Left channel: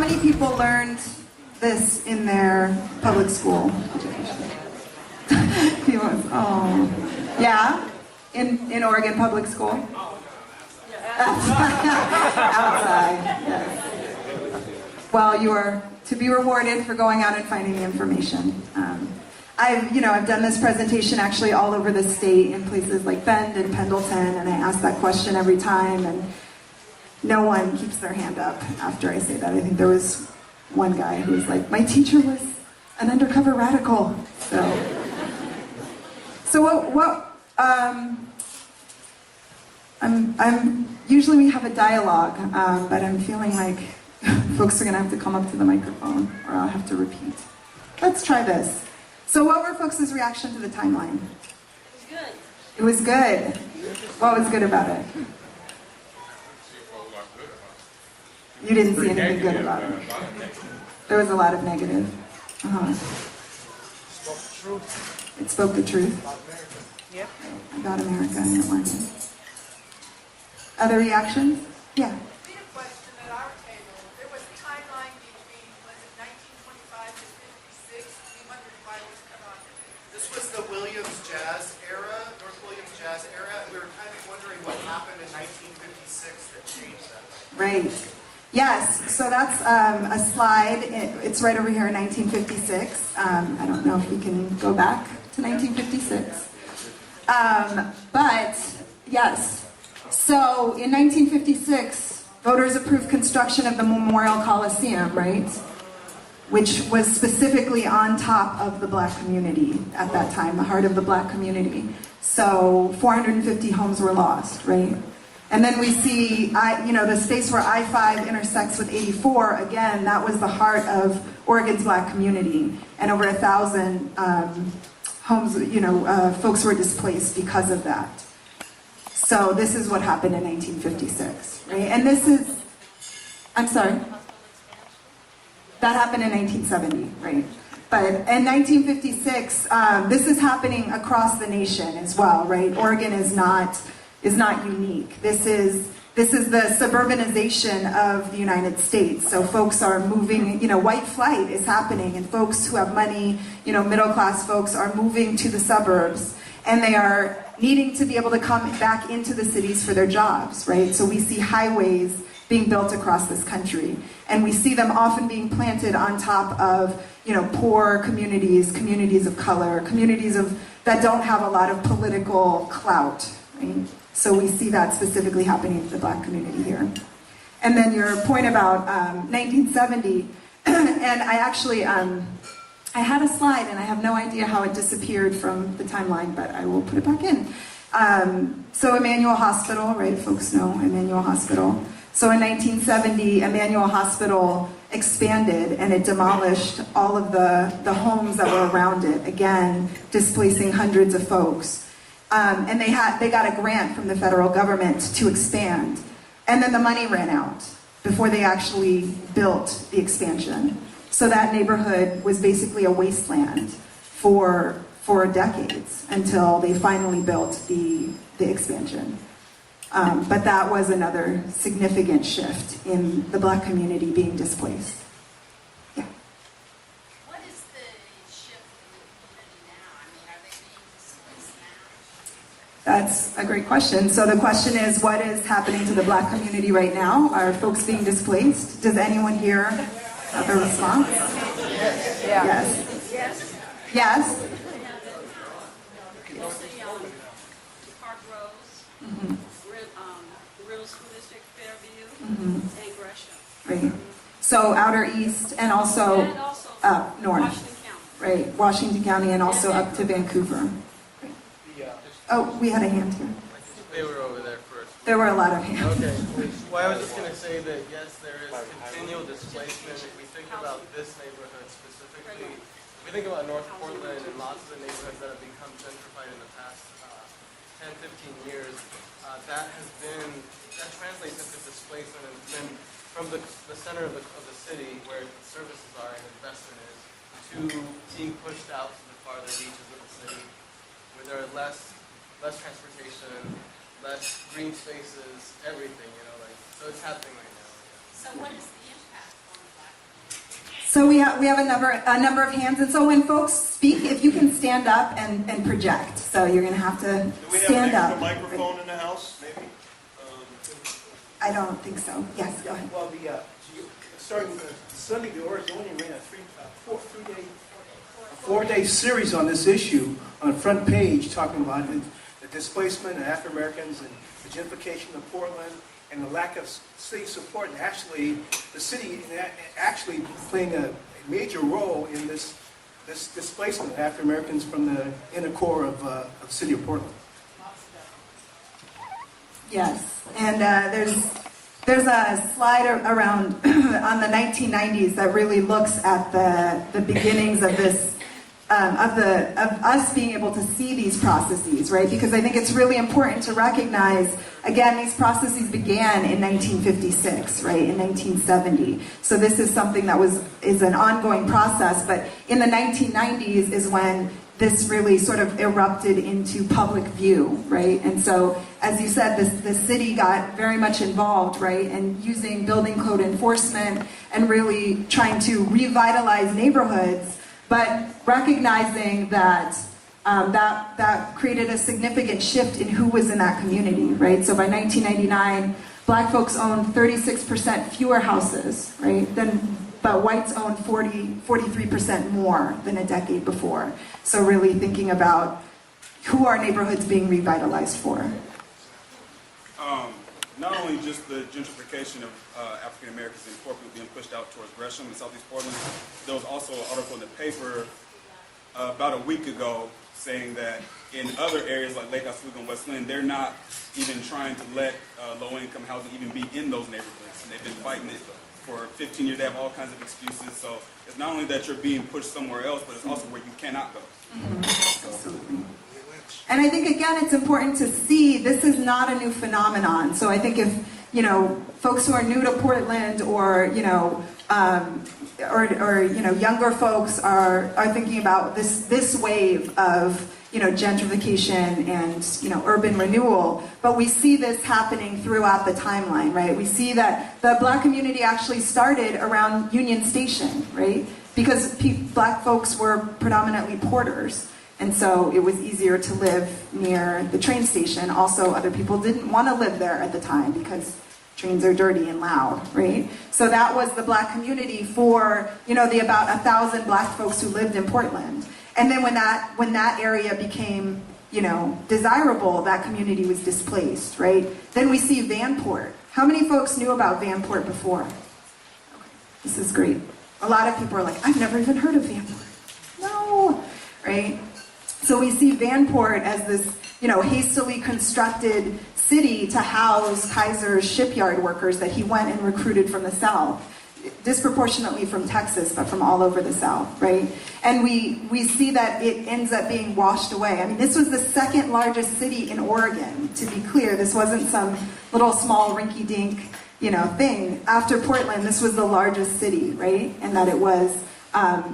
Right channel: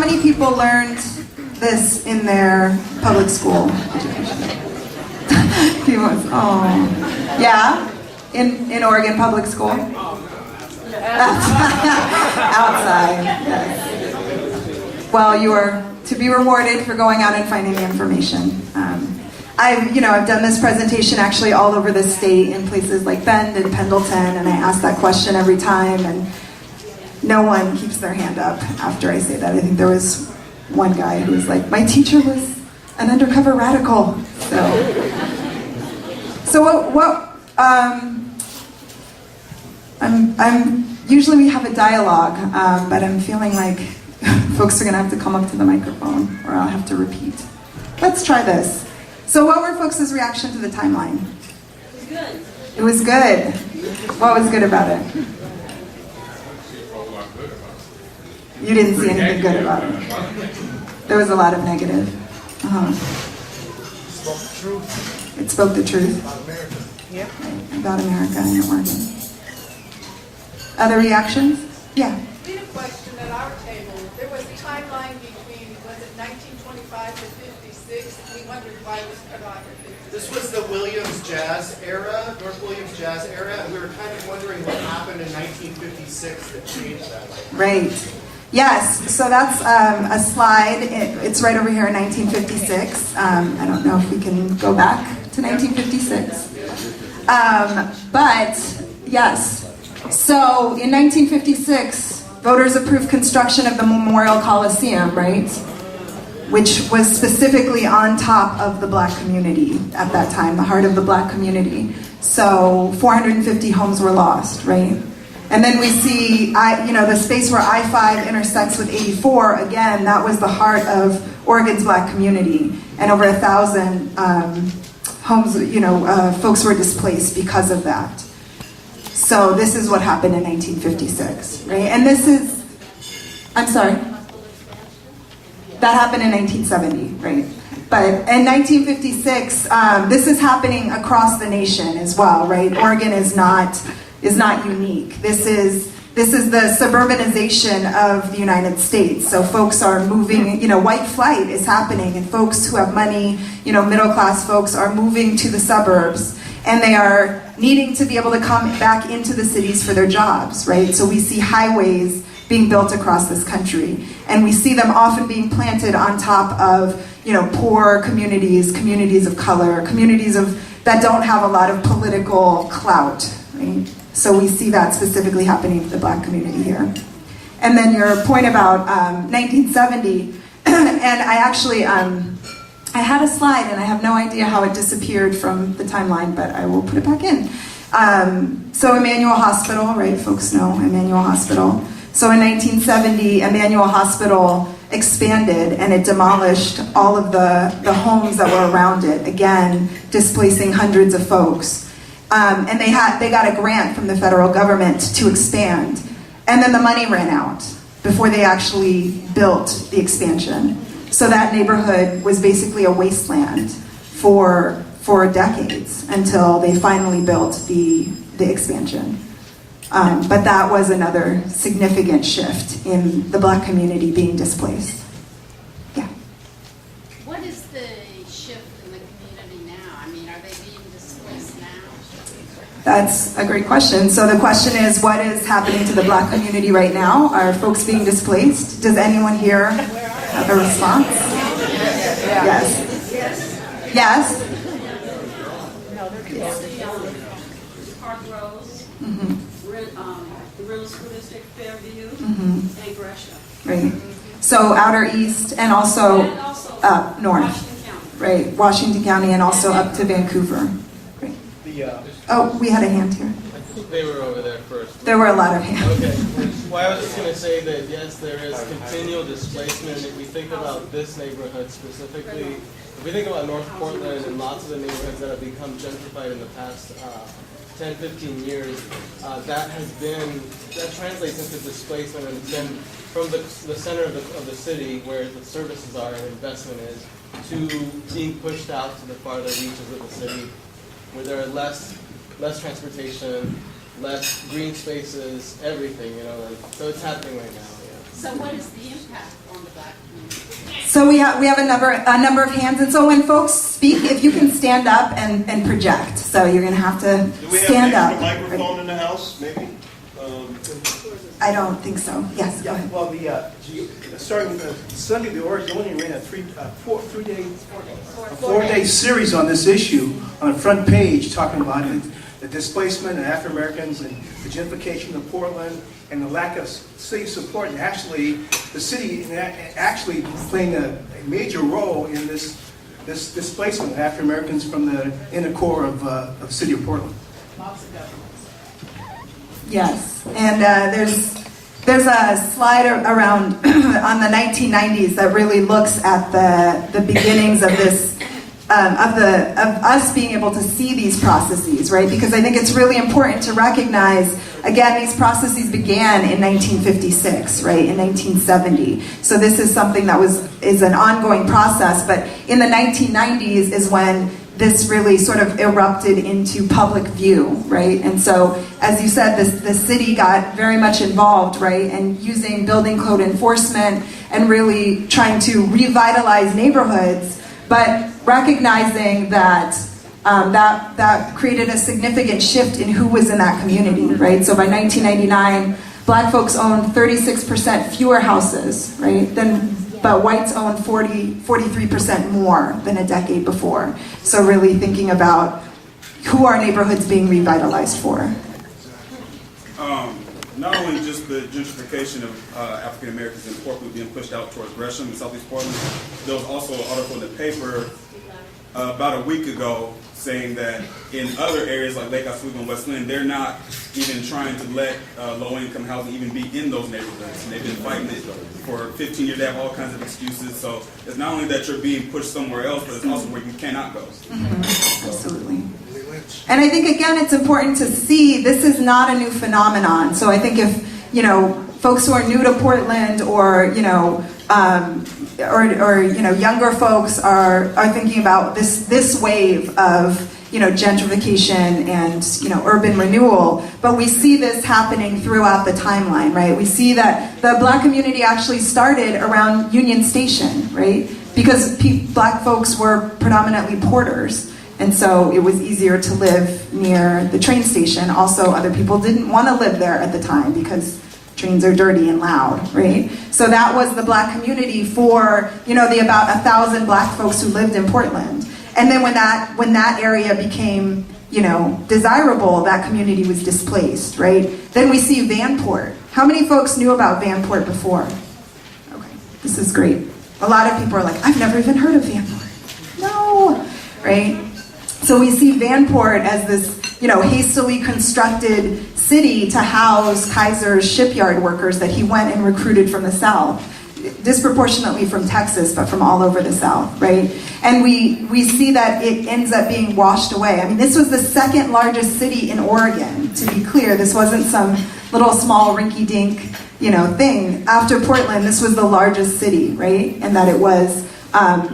many people learned this in their public school education? Oh, yeah? In Oregon public school? Outside, yes. Well, you are to be rewarded for going out and finding the information. I've done this presentation actually all over the state in places like Bend and Pendleton, and I ask that question every time, and no one keeps their hand up after I say that. I think there was one guy who was like, my teacher was an undercover radical. So usually we have a dialogue, but I'm feeling like folks are gonna have to come up to the microphone or I'll have to repeat. Let's try this. So what were folks' reaction to the timeline? It was good. It was good. What was good about it? You didn't see anything good about it. There was a lot of negative. Spoke the truth. It spoke the truth. About America. Yep. Right. About America and Oregon. Other reactions? Yeah. We had a question at our table. There was a timeline between, was it 1925 to 56? We wondered why this provided. This was the Williams Jazz era, North Williams Jazz era, and we were kind of wondering what happened in 1956 that changed that. Right. Yes, so that's a slide. It's right over here in 1956. I don't know if we can go back to 1956. But yes, so in 1956, voters approved construction of the Memorial Coliseum, right? Which was specifically on top of the Black community at that time, the heart of the Black community. So 450 homes were lost, right? And then we see, the space where I-5 intersects with 84, again, that was the heart of Oregon's Black community. And over 1,000 homes, folks were displaced because of that. So this is what happened in 1956, right? And this is, I'm sorry? That happened in 1970, right? But in 1956, this is happening across the nation as well, right? Oregon is not unique. This is the suburbanization of the United States. So folks are moving, white flight is happening, and folks who have money, middle class folks are moving to the suburbs, and they are needing to be able to come back into the cities for their jobs, right? So we see highways being built across this country, and we see them often being planted on top of, poor communities, communities of color, communities that don't have a lot of political clout, right? So we see that specifically happening to the Black community here. And then your point about 1970, and I actually, I had a slide and I have no idea how it disappeared from the timeline, but I will put it back in. So Emmanuel Hospital, right, folks know Emmanuel Hospital. So in 1970, Emmanuel Hospital expanded and it demolished all of the homes that were around it, again, displacing hundreds of folks. And they got a grant from the federal government to expand. And then the money ran out before they actually built the expansion. So that neighborhood was basically a wasteland for decades until they finally built the expansion. But that was another significant shift in the Black community being displaced. Yeah. What is the shift in the community now? I mean, are they being displaced now? That's a great question. So the question is, what is happening to the Black community right now? Are folks being displaced? Does anyone here have a response? Yes. Yes. Yes? It's the Park Rose, Real School District, Fairview, and Gresham. Right. So outer east and also up north. Washington County. Right, Washington County and also up to Vancouver. Right. Oh, we had a hand here. They were over there first. There were a lot of hands. Okay. Well, I was just going to say that yes, there is continual displacement. If you think about this neighborhood specifically, if we think about North Portland and lots of the neighborhoods that have become gentrified in the past 10, 15 years, that translates into displacement, and then from the center of the city where the services are and investment is, to being pushed out to the farther reaches of the city, where there are less transportation, less green spaces, everything, so it's happening right now. So what is the impact on the black community? So we have a number of hands, and so when folks speak, if you can stand up and project. So you're going to have to stand up. Do we have a microphone in the house, maybe? I don't think so. Yes, go ahead. Well, starting Sunday, the Oregonian ran a four-day series on this issue on the front page, talking about the displacement of African Americans and the gentrification of Portland and the lack of city support. And actually, the city actually playing a major role in this displacement of African Americans from the inner core of the city of Portland. Yes, and there's a slide around on the 1990s that really looks at the beginnings of this of us being able to see these processes, right? Because I think it's really important to recognize, again, these processes began in 1956, right? In 1970. So this is something that is an ongoing process, but in the 1990s is when this really sort of erupted into public view, right? And so, as you said, the city got very much involved, right? And using building code enforcement and really trying to revitalize neighborhoods, but recognizing that that created a significant shift in who was in that community, right? So by 1999, black folks owned 36% fewer houses, right? But whites own 43% more than a decade before. So really thinking about who are neighborhoods being revitalized for. Not only just the gentrification of African Americans in Portland being pushed out towards Gresham and Southeast Portland, there was also an article in the paper about a week ago saying that in other areas like Lake Oswego and West Lynn, they're not even trying to let low-income housing even be in those neighborhoods. And they've been fighting it for 15 years. They have all kinds of excuses. So it's not only that you're being pushed somewhere else, but it's also where you cannot go. Mm-hmm. Absolutely. And I think, again, it's important to see this is not a new phenomenon. So I think if, folks who are new to Portland or, younger folks are thinking about this wave of, gentrification and, urban renewal, but we see this happening throughout the timeline, right? We see that the black community actually started around Union Station, right? Because black folks were predominantly porters. And so it was easier to live near the train station. Also, other people didn't want to live there at the time because trains are dirty and loud, right? So that was the black community for, the about 1,000 black folks who lived in Portland. And then when that area became, desirable, that community was displaced, right? Then we see Vanport. How many folks knew about Vanport before? Okay, this is great. A lot of people are like, I've never even heard of Vanport. No, right? So we see Vanport as this, hastily constructed city to house Kaiser's shipyard workers that he went and recruited from the South, disproportionately from Texas, but from all over the South, right? And we see that it ends up being washed away. I mean, this was the second largest city in Oregon, to be clear. This wasn't some little small rinky-dink, thing. After Portland, this was the largest city, right? And that it was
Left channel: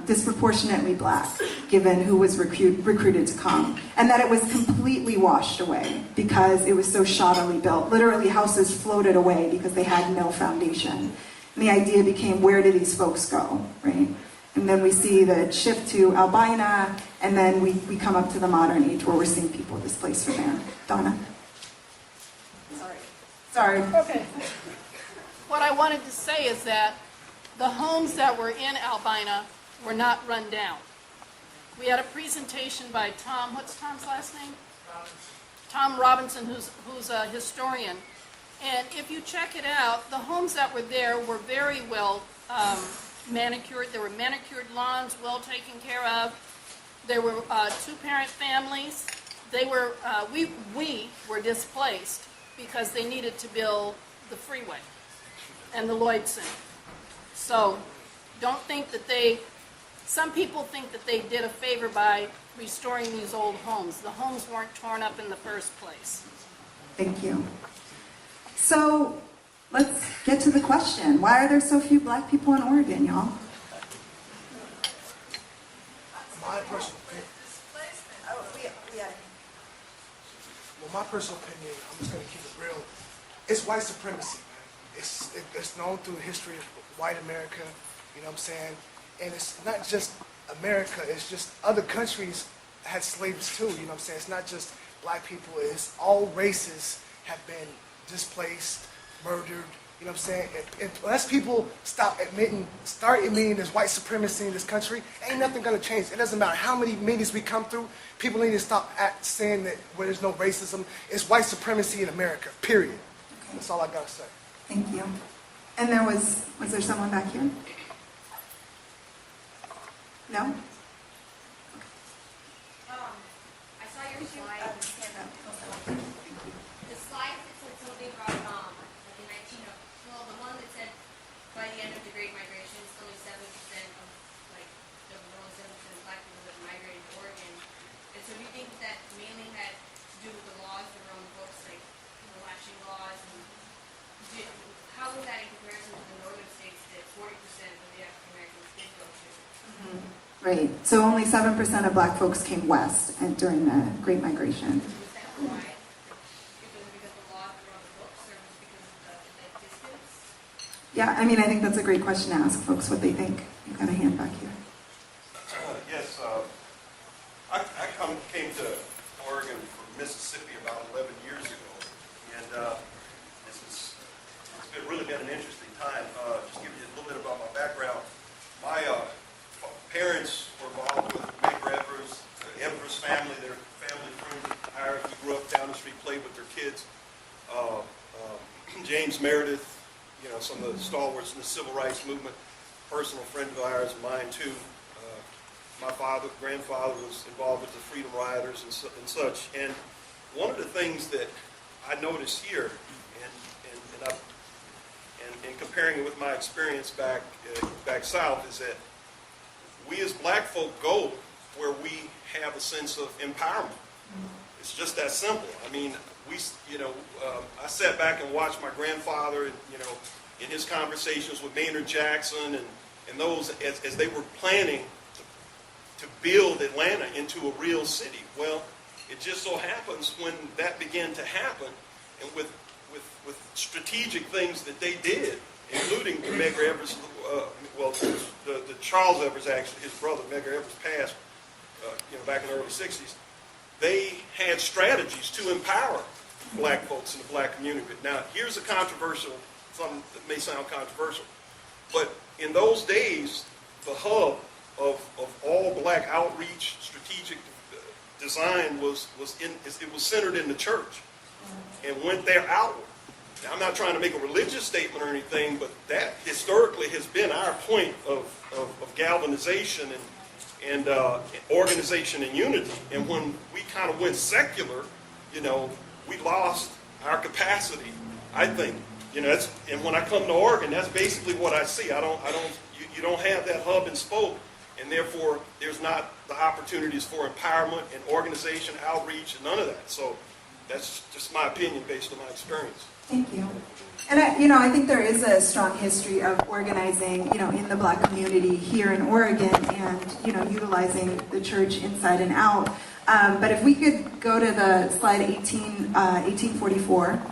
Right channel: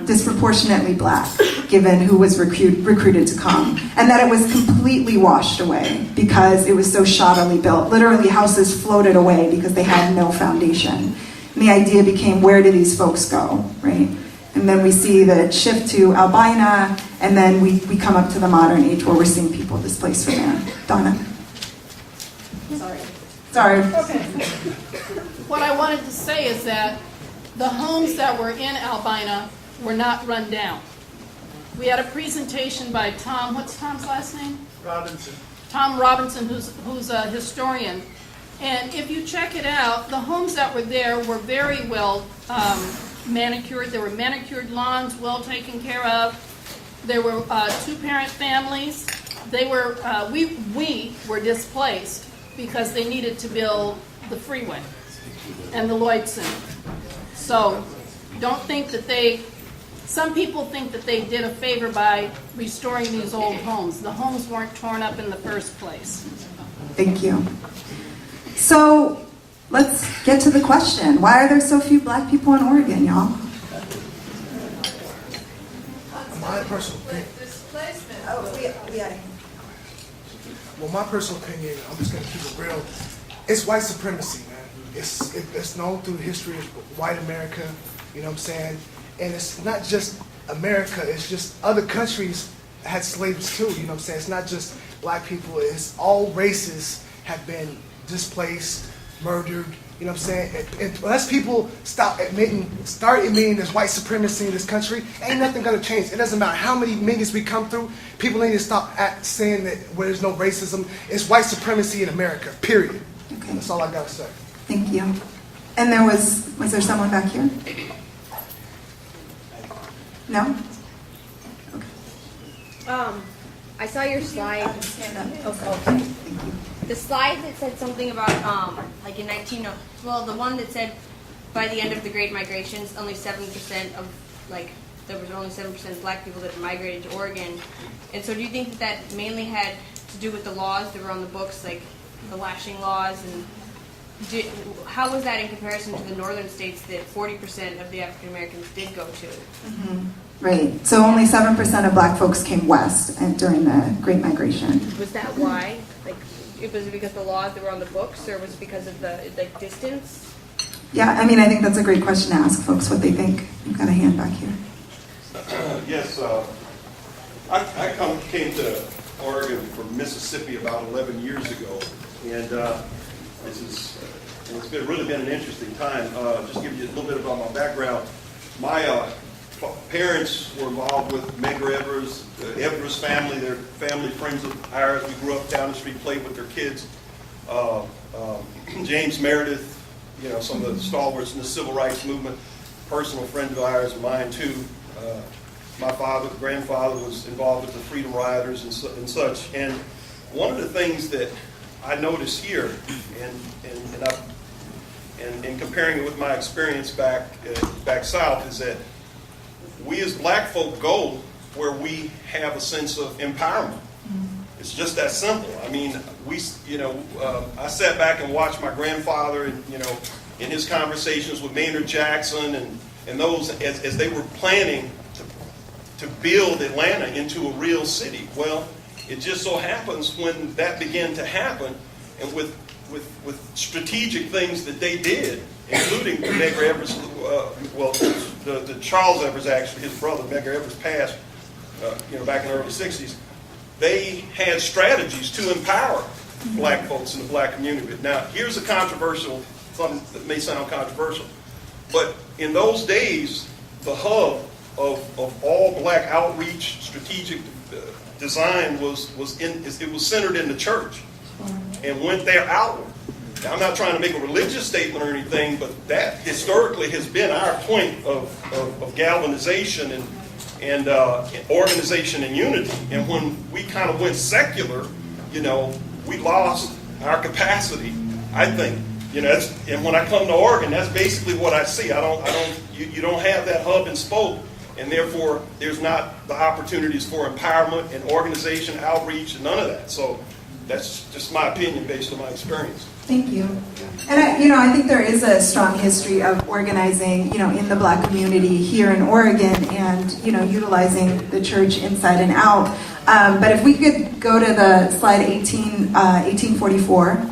disproportionately black, given who was recruited to come. And that it was completely washed away because it was so shoddily built. Literally, houses floated away because they had no foundation. And the idea became, where do these folks go, right? And then we see the shift to Albina, and then we come up to the modern age where we're seeing people displaced from there. Donna? Sorry. Okay. What I wanted to say is that the homes that were in Albina were not run down. We had a presentation by Tom, what's Tom's last name? Robinson. Tom Robinson, who's a historian. And if you check it out, the homes that were there were very well manicured. There were manicured lawns, well taken care of. There were two-parent families. They were, we were displaced because they needed to build the freeway and the Lloyd Center. So don't think that some people think that they did a favor by restoring these old homes. The homes weren't torn up in the first place. Thank you. So let's get to the question. Why are there so few black people in Oregon, y'all? My personal opinion. Oh, we had a hand. Well, my personal opinion, I'm just going to keep it real. It's white supremacy, man. it's known through the history of white America, you know what I'm saying? And it's not just America, it's just other countries had slaves too, you know what I'm saying? It's not just black people, it's all races have been displaced, murdered, you know what I'm saying? And unless people start admitting there's white supremacy in this country, ain't nothing gonna change. It doesn't matter how many meetings we come through, people need to stop saying that where there's no racism. It's white supremacy in America, period. Okay. That's all I gotta say. Thank you. And there was there someone back here? No? I saw your slide. Stand up. Okay. Thank you. The slide that said something about, like in the one that said by the end of the Great Migrations, only 7% of, like, there was only 7% of black people that migrated to Oregon. And so do you think that mainly had to do with the laws that were on the books, like the lashing laws? And how was that in comparison to the northern states that 40% of the African Americans did go to? Mm-hmm. Right. So only 7% of black folks came west during the Great Migration. Was that why? Like, it was because the laws that were on the books, or was it because of the distance? Yeah, I mean, I think that's a great question to ask folks what they think. You've got a hand back here. Yes, I came to Oregon from Mississippi about 11 years ago, and it's really been an interesting time. Just give you a little bit about my background. My parents were involved with Medgar Evers, the Evers family. They're family friends of ours. We grew up down the street, played with their kids. James Meredith, you know, some of the stalwarts in the civil rights movement, personal friend of ours, and mine too. My grandfather was involved with the Freedom Riders and such. And one of the things that I noticed here, and comparing it with my experience back south, is that we as black folk go where we have a sense of empowerment. It's just that simple. I mean, I sat back and watched my grandfather, in his conversations with Maynard Jackson and those as they were planning to build Atlanta into a real city. Well, it just so happens when that began to happen, and with strategic things that they did, including Medgar Evers, the Charles Evers, actually, his brother, Medgar Evers, passed, back in the early 60s. They had strategies to empower black folks in the black community. Now, here's something that may sound controversial, but in those days, the hub of all black outreach, strategic design was centered in the church, and went there outward. Now, I'm not trying to make a religious statement or anything, but that historically has been our point of galvanization and organization and unity. And when we kind of went secular, we lost our capacity, I think. And when I come to Oregon, that's basically what I see. You don't have that hub and spoke, and therefore there's not the opportunities for empowerment and organization, outreach, and none of that. So that's just my opinion based on my experience. Thank you. And I think there is a strong history of organizing, in the black community here in Oregon, and utilizing the church inside and out. But if we could go to the slide 1844.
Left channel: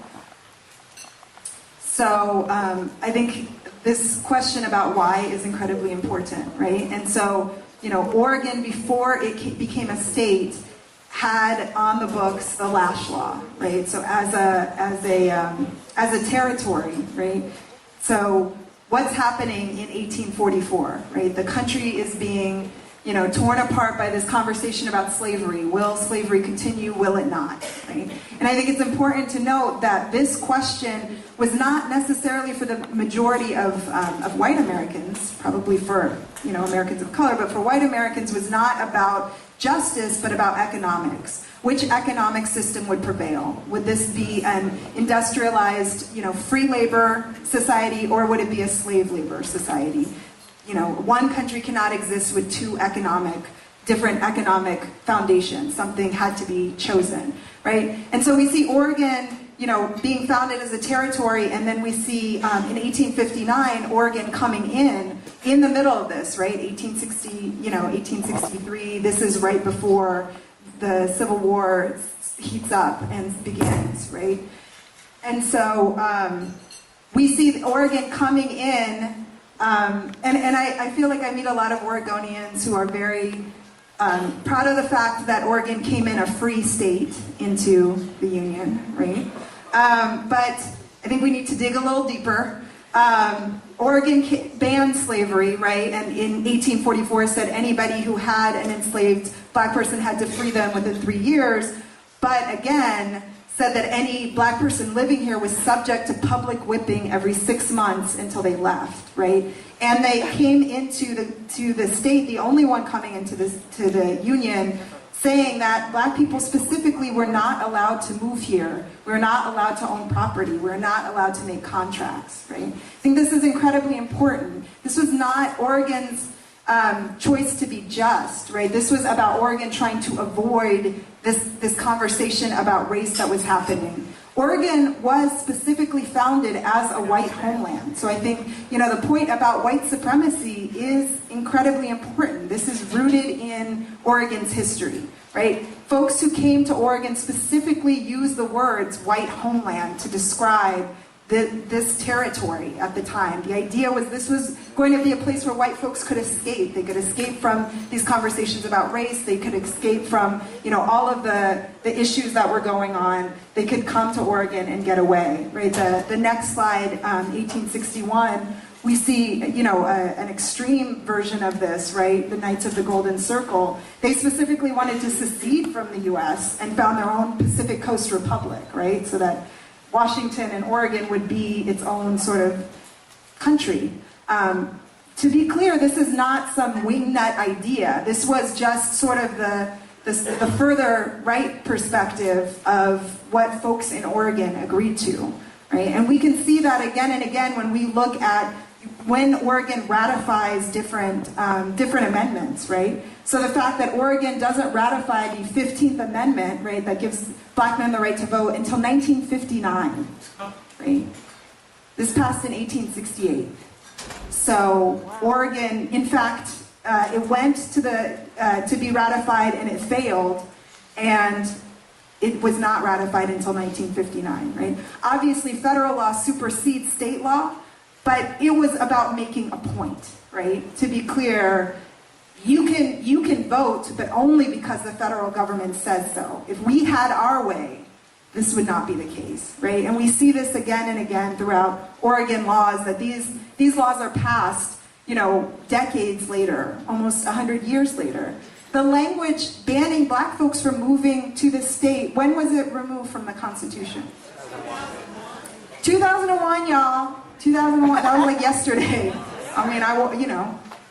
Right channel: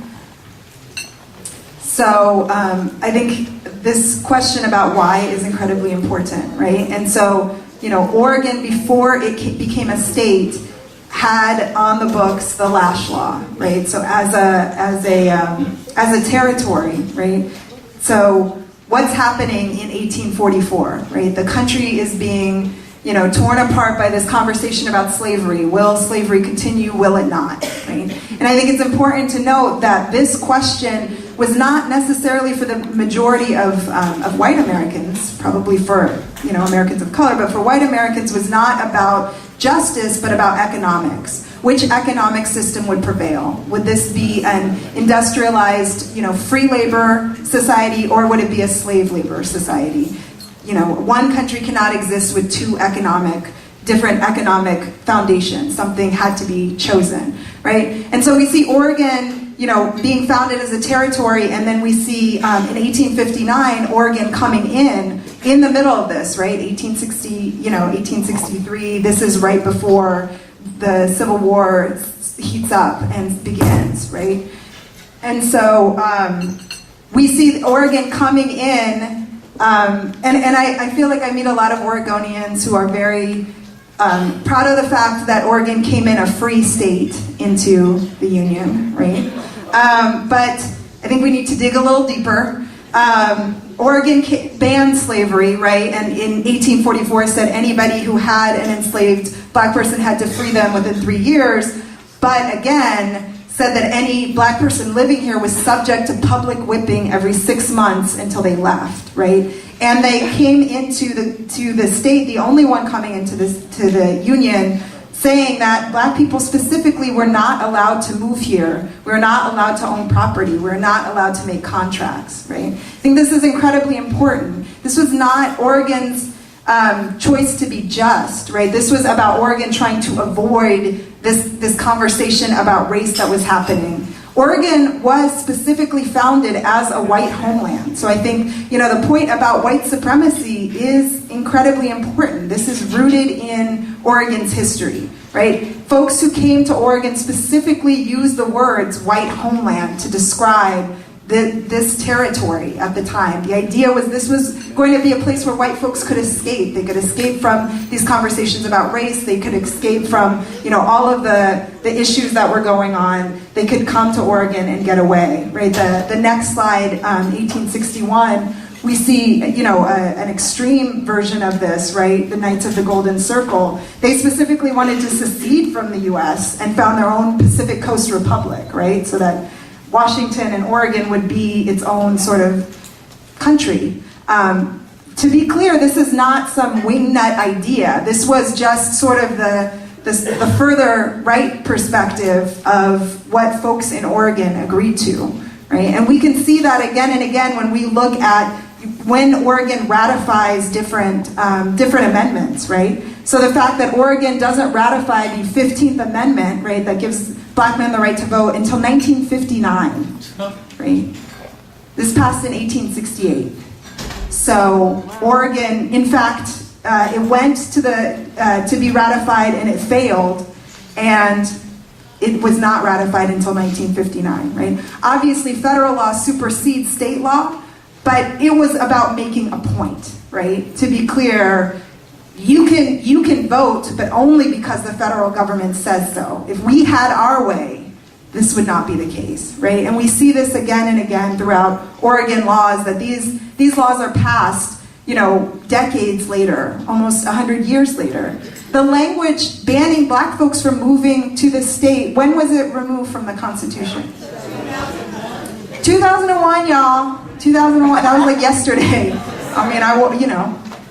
So I think this question about why is incredibly important, right? And so, Oregon, before it became a state, had on the books the Lash Law, right? So as a territory, right? So what's happening in 1844, right? The country is being, torn apart by this conversation about slavery. Will slavery continue? Will it not? Right? And I think it's important to note that this question was not necessarily for the majority of white Americans, probably for Americans of color, but for white Americans was not about justice, but about economics. Which economic system would prevail? Would this be an industrialized, free labor society, or would it be a slave labor society? One country cannot exist with two different economic foundations. Something had to be chosen, right? And so we see Oregon, being founded as a territory, and then we see in 1859 Oregon coming in the middle of this, right? 1863. This is right before the Civil War heats up and begins, right? And so We see Oregon coming in, and I feel like I meet a lot of Oregonians who are very proud of the fact that Oregon came in a free state into the Union, right? But I think we need to dig a little deeper. Oregon banned slavery, right? And in 1844 said anybody who had an enslaved black person had to free them within 3 years. But again, said that any black person living here was subject to public whipping every 6 months until they left, right? And they came into the state, the only one coming into to the Union, saying that black people specifically were not allowed to move here. We're not allowed to own property. We're not allowed to make contracts, right? I think this is incredibly important. This was not Oregon's choice to be just, right? This was about Oregon trying to avoid this conversation about race that was happening. Oregon was specifically founded as a white homeland. So I think, the point about white supremacy is incredibly important. This is rooted in Oregon's history, right? Folks who came to Oregon specifically used the words white homeland to describe this territory at the time. The idea was this was going to be a place where white folks could escape. They could escape from these conversations about race. They could escape from, all of the issues that were going on. They could come to Oregon and get away, right? The next slide, 1861, we see, an extreme version of this, right? The Knights of the Golden Circle. They specifically wanted to secede from the U.S. and found their own Pacific Coast Republic, right? So that Washington and Oregon would be its own sort of country. To be clear, this is not some wingnut idea. This was just sort of the further right perspective of what folks in Oregon agreed to, right? And we can see that again and again when we look at when Oregon ratifies different amendments, right? So the fact that Oregon doesn't ratify the 15th Amendment, right, that gives black men the right to vote until 1959, right? This passed in 1868. So Oregon, in fact, it went to be ratified and it failed, and it was not ratified until 1959, right? Obviously, federal law supersedes state law, but it was about making a point, right? To be clear, you can vote, but only because the federal government says so. If we had our way, this would not be the case, right? And we see this again and again throughout Oregon laws, that these laws are passed, decades later, almost 100 years later. The language banning black folks from moving to the state, when was it removed from the Constitution? 2001, y'all. 2001, that was like yesterday. I mean, I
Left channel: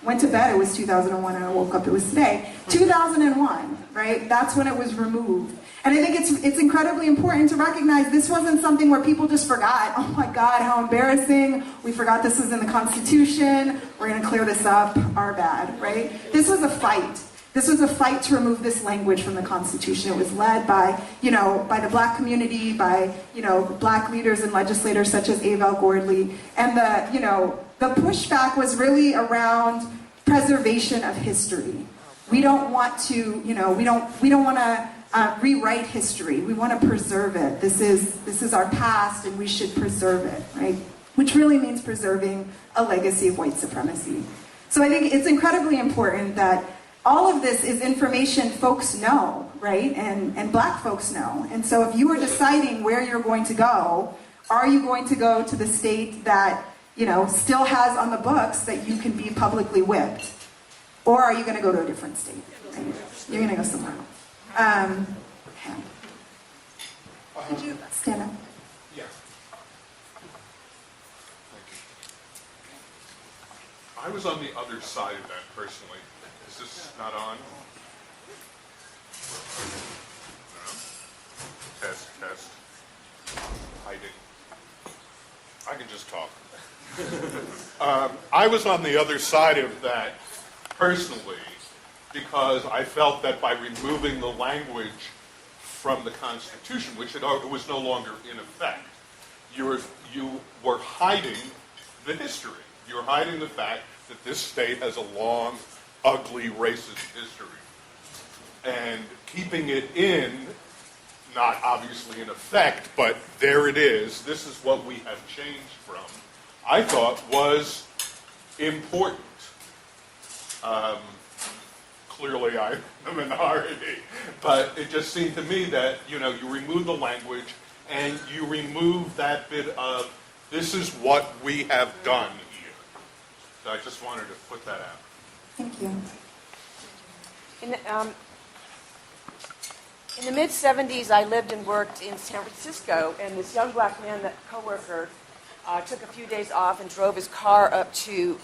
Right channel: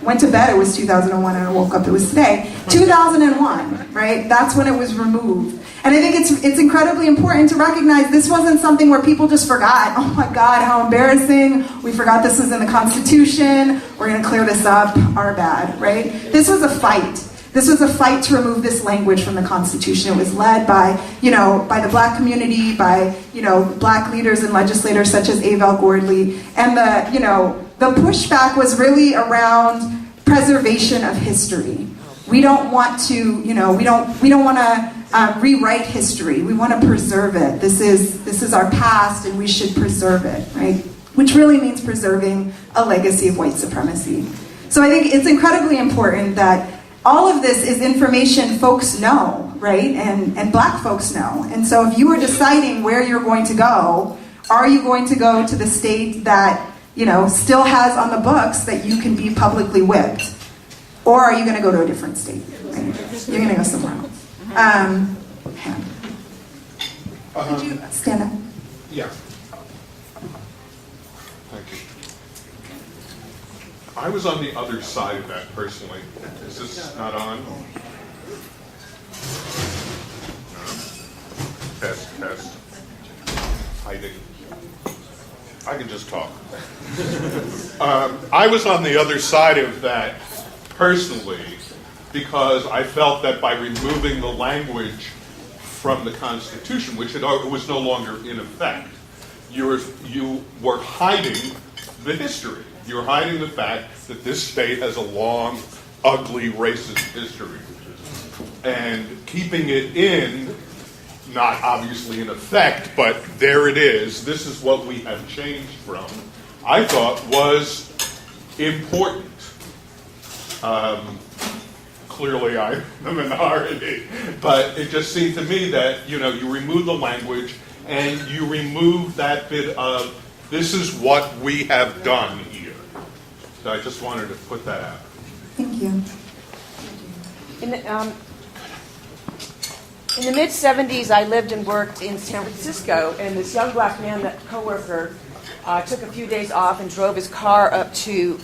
went to bed, it was 2001, and I woke up, it was today. 2001, right? That's when it was removed. And I think it's incredibly important to recognize this wasn't something where people just forgot. Oh my God, how embarrassing. We forgot this was in the Constitution. We're gonna clear this up, our bad, right? This was a fight. This was a fight to remove this language from the Constitution. It was led by, by the black community, by, black leaders and legislators such as Avell Gordley. And the pushback was really around preservation of history. We don't want to, we don't want to rewrite history. We want to preserve it. This is our past, and we should preserve it, right? Which really means preserving a legacy of white supremacy. So I think it's incredibly important that all of this is information folks know, right? And black folks know. And so if you are deciding where you're going to go, are you going to go to the state that, still has on the books that you can be publicly whipped? Or are you going to go to a different state? Right? You're going to go somewhere else. Could you stand up? Yeah. Thank you. I was on the other side of that personally. Is this not on? No. Test. Hiding. I can just talk. I was on the other side of that personally because I felt that by removing the language from the Constitution, which it was no longer in effect, you were hiding the history. You were hiding the fact that this state has a long, ugly, racist history. And keeping it in not obviously in effect, but there it is. This is what we have changed from, I thought was important. Clearly I'm a minority, but it just seemed to me that, you remove the language and you remove that bit of, this is what we have done here. So I just wanted to put that out. Thank you. In the mid-'70s, I lived and worked in San Francisco, and this young black man, that coworker, took a few days off and drove his car up to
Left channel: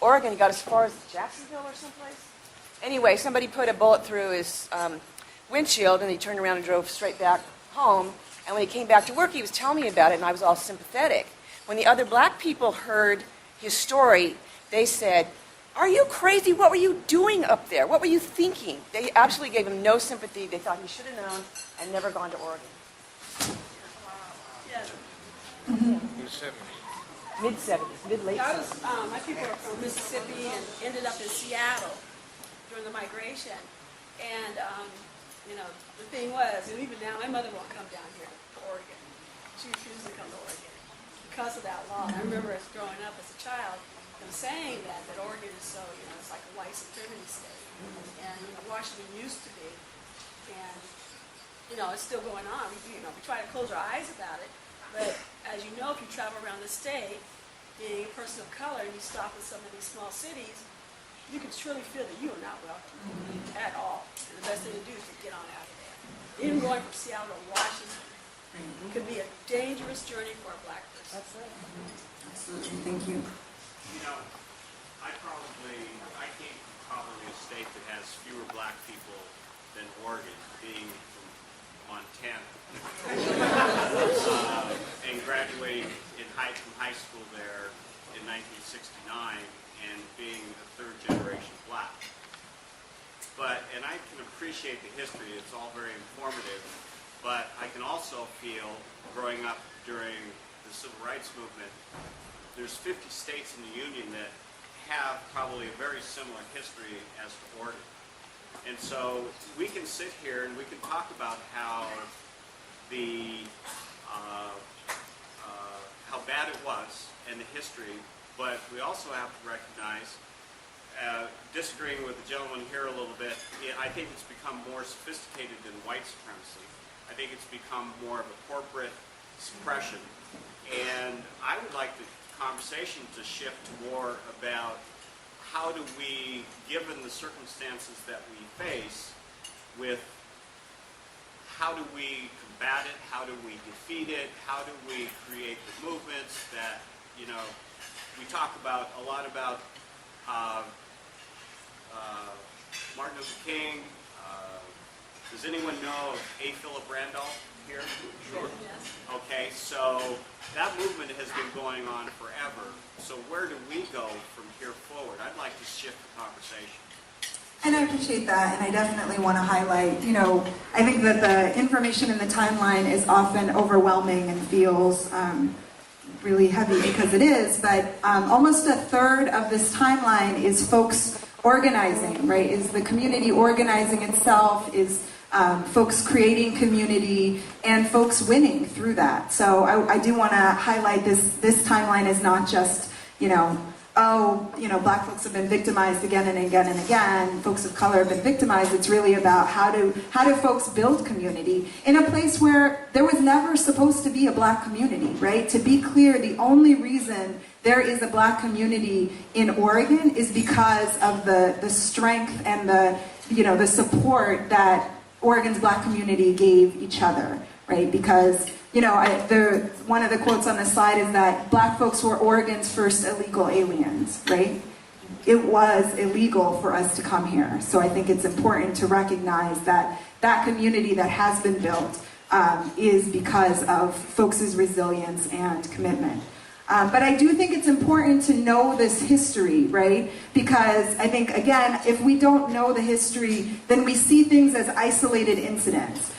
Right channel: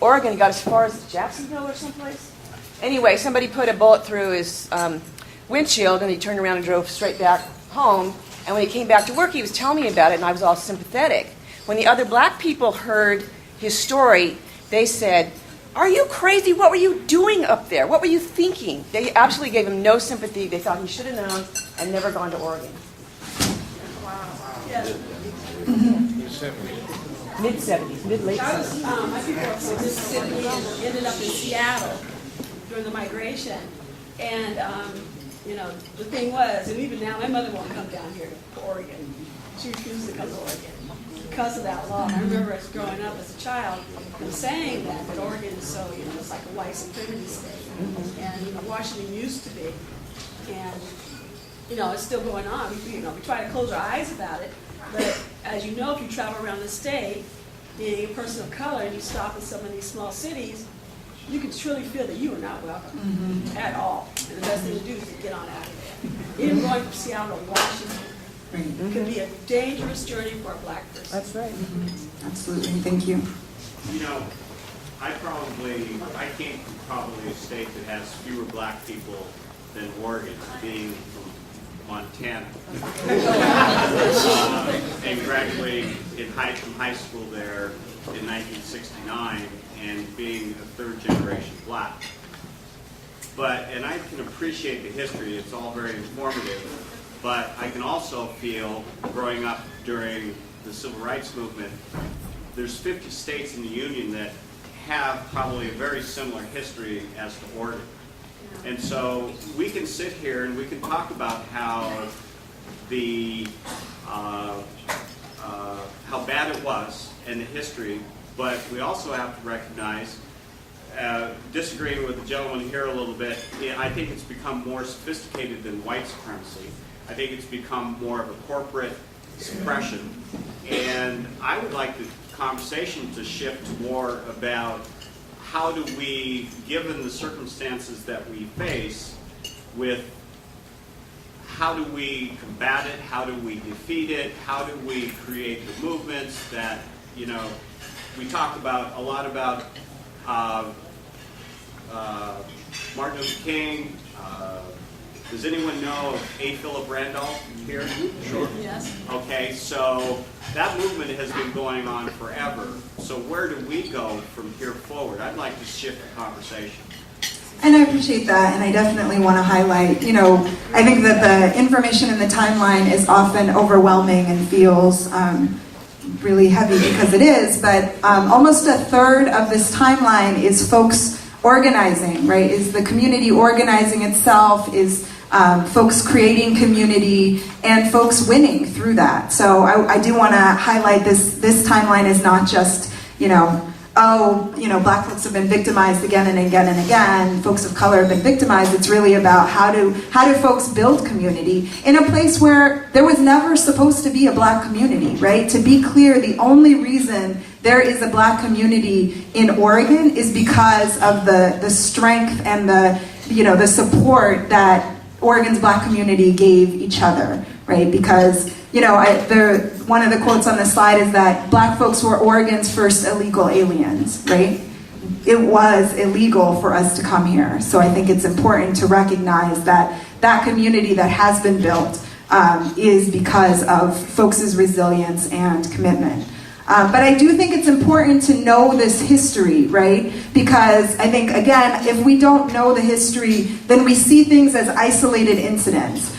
Oregon. He got as far as Jacksonville or someplace. Anyway, somebody put a bullet through his windshield, and he turned around and drove straight back home. And when he came back to work, he was telling me about it, and I was all sympathetic. When the other black people heard his story, they said, "Are you crazy? What were you doing up there? What were you thinking?" They absolutely gave him no sympathy. They thought he should have known and never gone to Oregon. Wow. Yes. Mid-'70s, mid-late I 70s. was, my people are from Mississippi and ended up in Seattle during the migration. And, the thing was, and even now, my mother won't come down here to Oregon. She refused to come to Oregon because of that law. And I remember us growing up as a child and saying that Oregon is so, it's like a white supremacy state. And, Washington used to be. And, it's still going on. We try to close our eyes about it. But as you know, if you travel around the state, being a person of color, and you stop in some of these small cities, you can truly feel that you are not welcome at all. And the best thing to do is to get on out of there. Even going from Seattle to Washington can be a dangerous journey for a black person. That's right. Absolutely. Thank you. I came from probably a state that has fewer black people than Oregon, being from Montana, and graduating from high school there in 1969 and being a third-generation black. And I can appreciate the history, it's all very informative, but I can also feel, growing up during the Civil Rights Movement, there's 50 states in the Union that have probably a very similar history as to Oregon. And so we can sit here and we can talk about how how bad it was and the history, but we also have to recognize, disagreeing with the gentleman here a little bit, I think it's become more sophisticated than white supremacy. I think it's become more of a corporate suppression. And I would like the conversation to shift to more about how do we, given the circumstances that we face, how do we combat it, how do we defeat it, how do we create the movements that, we talk about a lot about Martin Luther King. Does anyone know of A. Philip Randolph here? Sure. Yes. Okay, so that movement has been going on forever. So where do we go from here forward? I'd like to shift the conversation. And I appreciate that, and I definitely want to highlight, I think that the information in the timeline is often overwhelming and feels really heavy because it is, but almost a third of this timeline is folks organizing, right? Is the community organizing itself, is folks creating community, and folks winning through that. So I do want to highlight this timeline is not just, black folks have been victimized again and again and again, folks of color have been victimized. It's really about how do folks build community in a place where there was never supposed to be a black community, right? To be clear, the only reason there is a black community in Oregon is because of the strength and the support that Oregon's black community gave each other, right? Because one of the quotes on the slide is that black folks were Oregon's first illegal aliens, right? It was illegal for us to come here. So I think it's important to recognize that that community that has been built is because of folks' resilience and commitment. But I do think it's important to know this history, right? Because I think, again, if we don't know the history, then we see things as isolated incidents.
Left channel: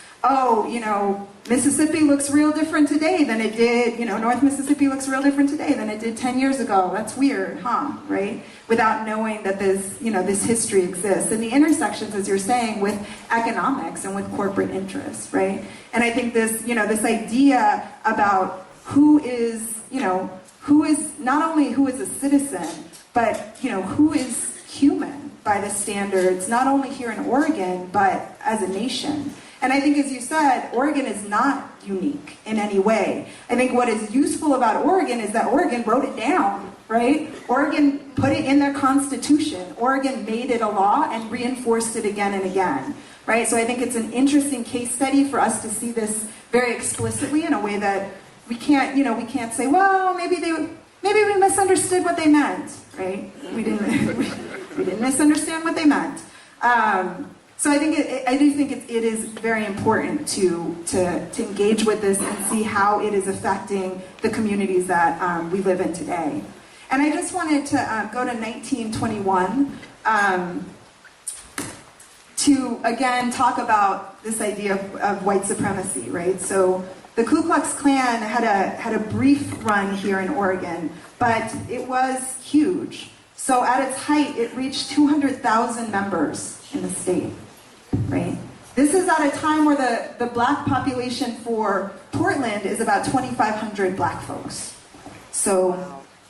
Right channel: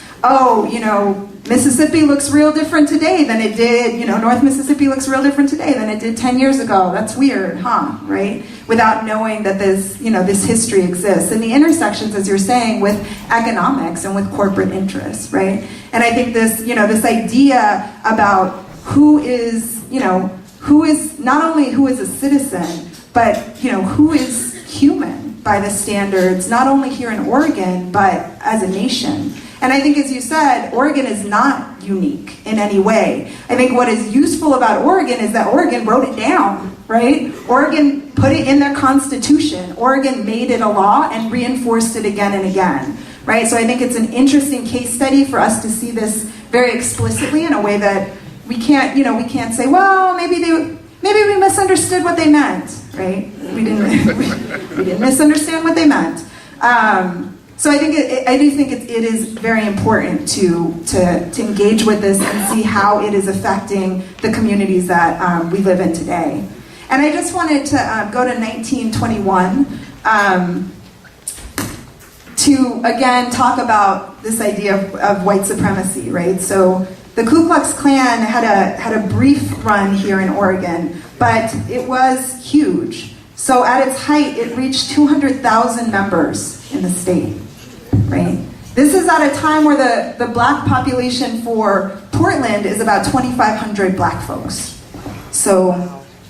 Mississippi looks real different today than it did, North Mississippi looks real different today than it did 10 years ago. That's weird, huh, right? Without knowing that this history exists. And the intersections, as you're saying, with economics and with corporate interests, right? And I think this idea about who is not only who is a citizen, but, who is human by the standards, not only here in Oregon, but as a nation. And I think, as you said, Oregon is not unique in any way. I think what is useful about Oregon is that Oregon wrote it down, right? Oregon put it in their constitution. Oregon made it a law and reinforced it again and again, right? So I think it's an interesting case study for us to see this very explicitly in a way that we can't say, well, maybe we misunderstood what they meant, right? We didn't misunderstand what they meant. So I do think it is very important to engage with this and see how it is affecting the communities that we live in today. And I just wanted to go to 1921 to again talk about this idea of white supremacy, right? So the Ku Klux Klan had a brief run here in Oregon, but it was huge. So at its height, it reached 200,000 members in the state. Right? This is at a time where the black population for Portland is about 2,500 black folks. So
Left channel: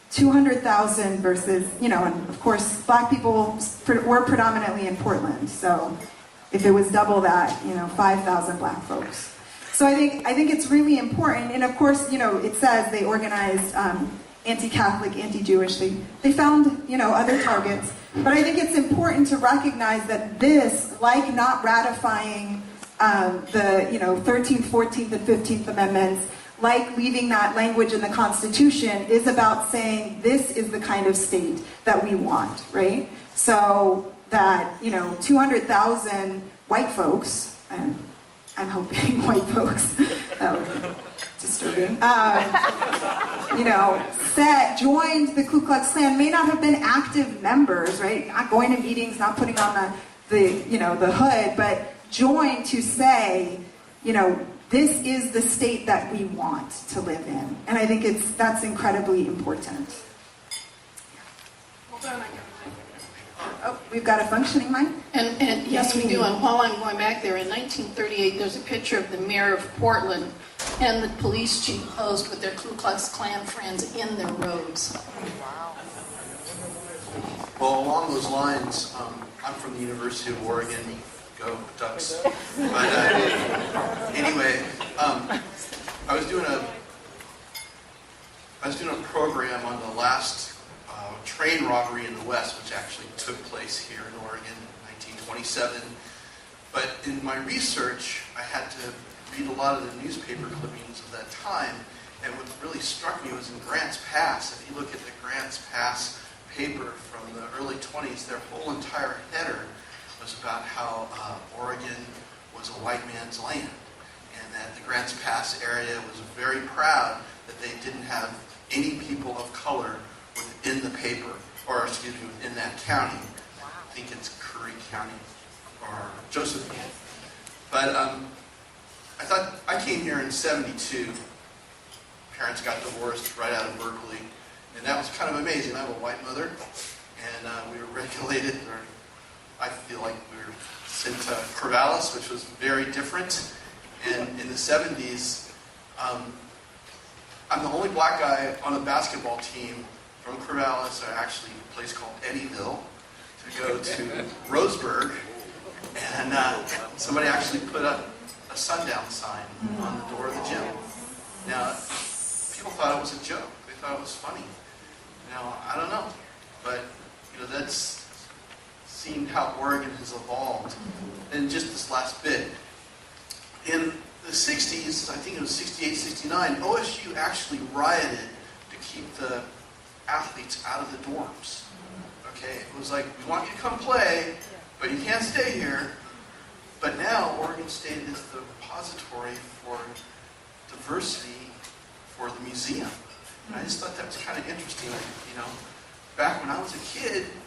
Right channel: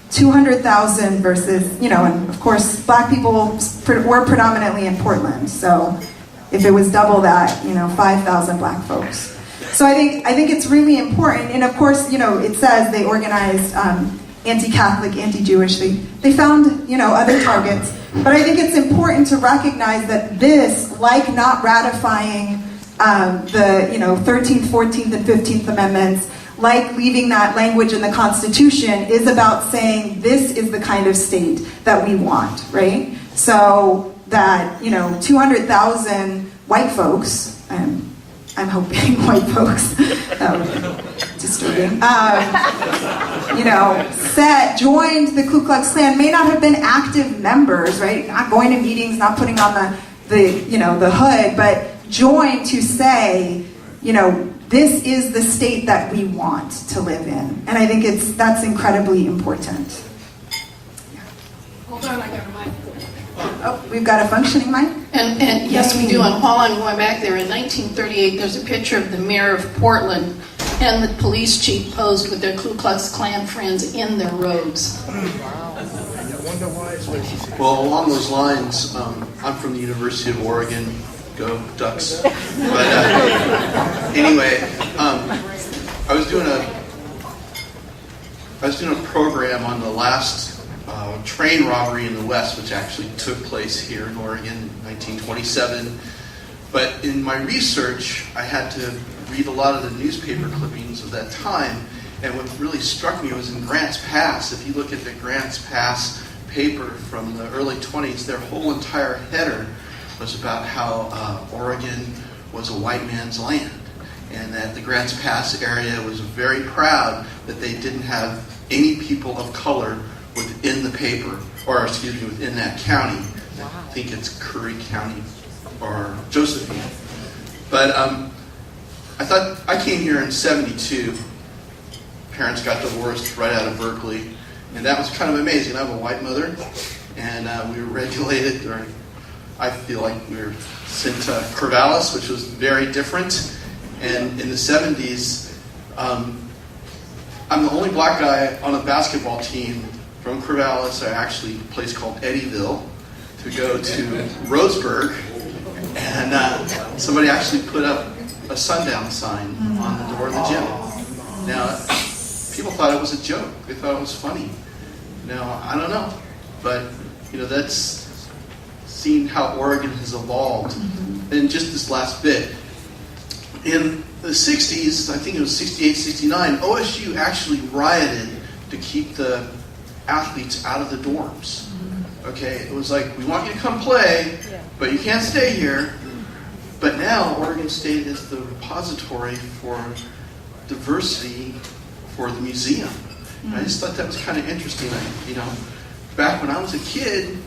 200,000 versus, and of course, black people were predominantly in Portland. So if it was double that, 5,000 black folks. So I think it's really important. And of course, it says they organized anti-Catholic, anti-Jewish. They found, other targets. But I think it's important to recognize that this, like not ratifying the 13th, 14th, and 15th Amendments, like leaving that language in the Constitution, is about saying this is the kind of state that we want, right? So that, 200,000 white folks, I'm hoping white folks, that would be disturbing, joined the Ku Klux Klan, may not have been active members, right? Not going to meetings, not putting on the hood, but joined to say, this is the state that we want to live in. And I think that's incredibly important. Yeah. Hold on, I got a mic. Oh, we've got a functioning mic? And yes, we do. And while I'm going back there, in 1938, there's a picture of the mayor of Portland and the police chief posed with their Ku Klux Klan friends in their robes. Well, along those lines, I'm from the University of Oregon. Go Ducks. But anyway, I was doing a program on the last train robbery in the West, which actually took place here in Oregon in 1927. But in my research, I had to read a lot of the newspaper clippings of that time, and what really struck me was in Grants Pass. If you look at the Grants Pass paper from the early 20s, their whole entire header was about how Oregon was a white man's land, and that the Grants Pass area was very proud that they didn't have any people of color within the paper, or excuse me, within that county. I think it's Curry County or Josephine. But I came here in '72. Parents got divorced right out of Berkeley, and that was kind of amazing. I have a white mother, and we were regulated, or I feel like we were sent to Corvallis, which was very different. And in the '70s, I'm the only black guy on a basketball team from Corvallis, actually a place called Eddyville, to go to Roseburg, and somebody actually put up a Sundown sign on the door of the gym. Now, people thought it was a joke. They thought it was funny. Now, I don't know, but that's seen how Oregon has evolved. And just this last bit, in the 60s, I think it was 68, 69, OSU actually rioted to keep the athletes out of the dorms. Okay, it was like, we want you to come play, but you can't stay here. But now Oregon State is the repository for diversity for the museum. And I just thought that was kind of interesting. Back when I was a kid,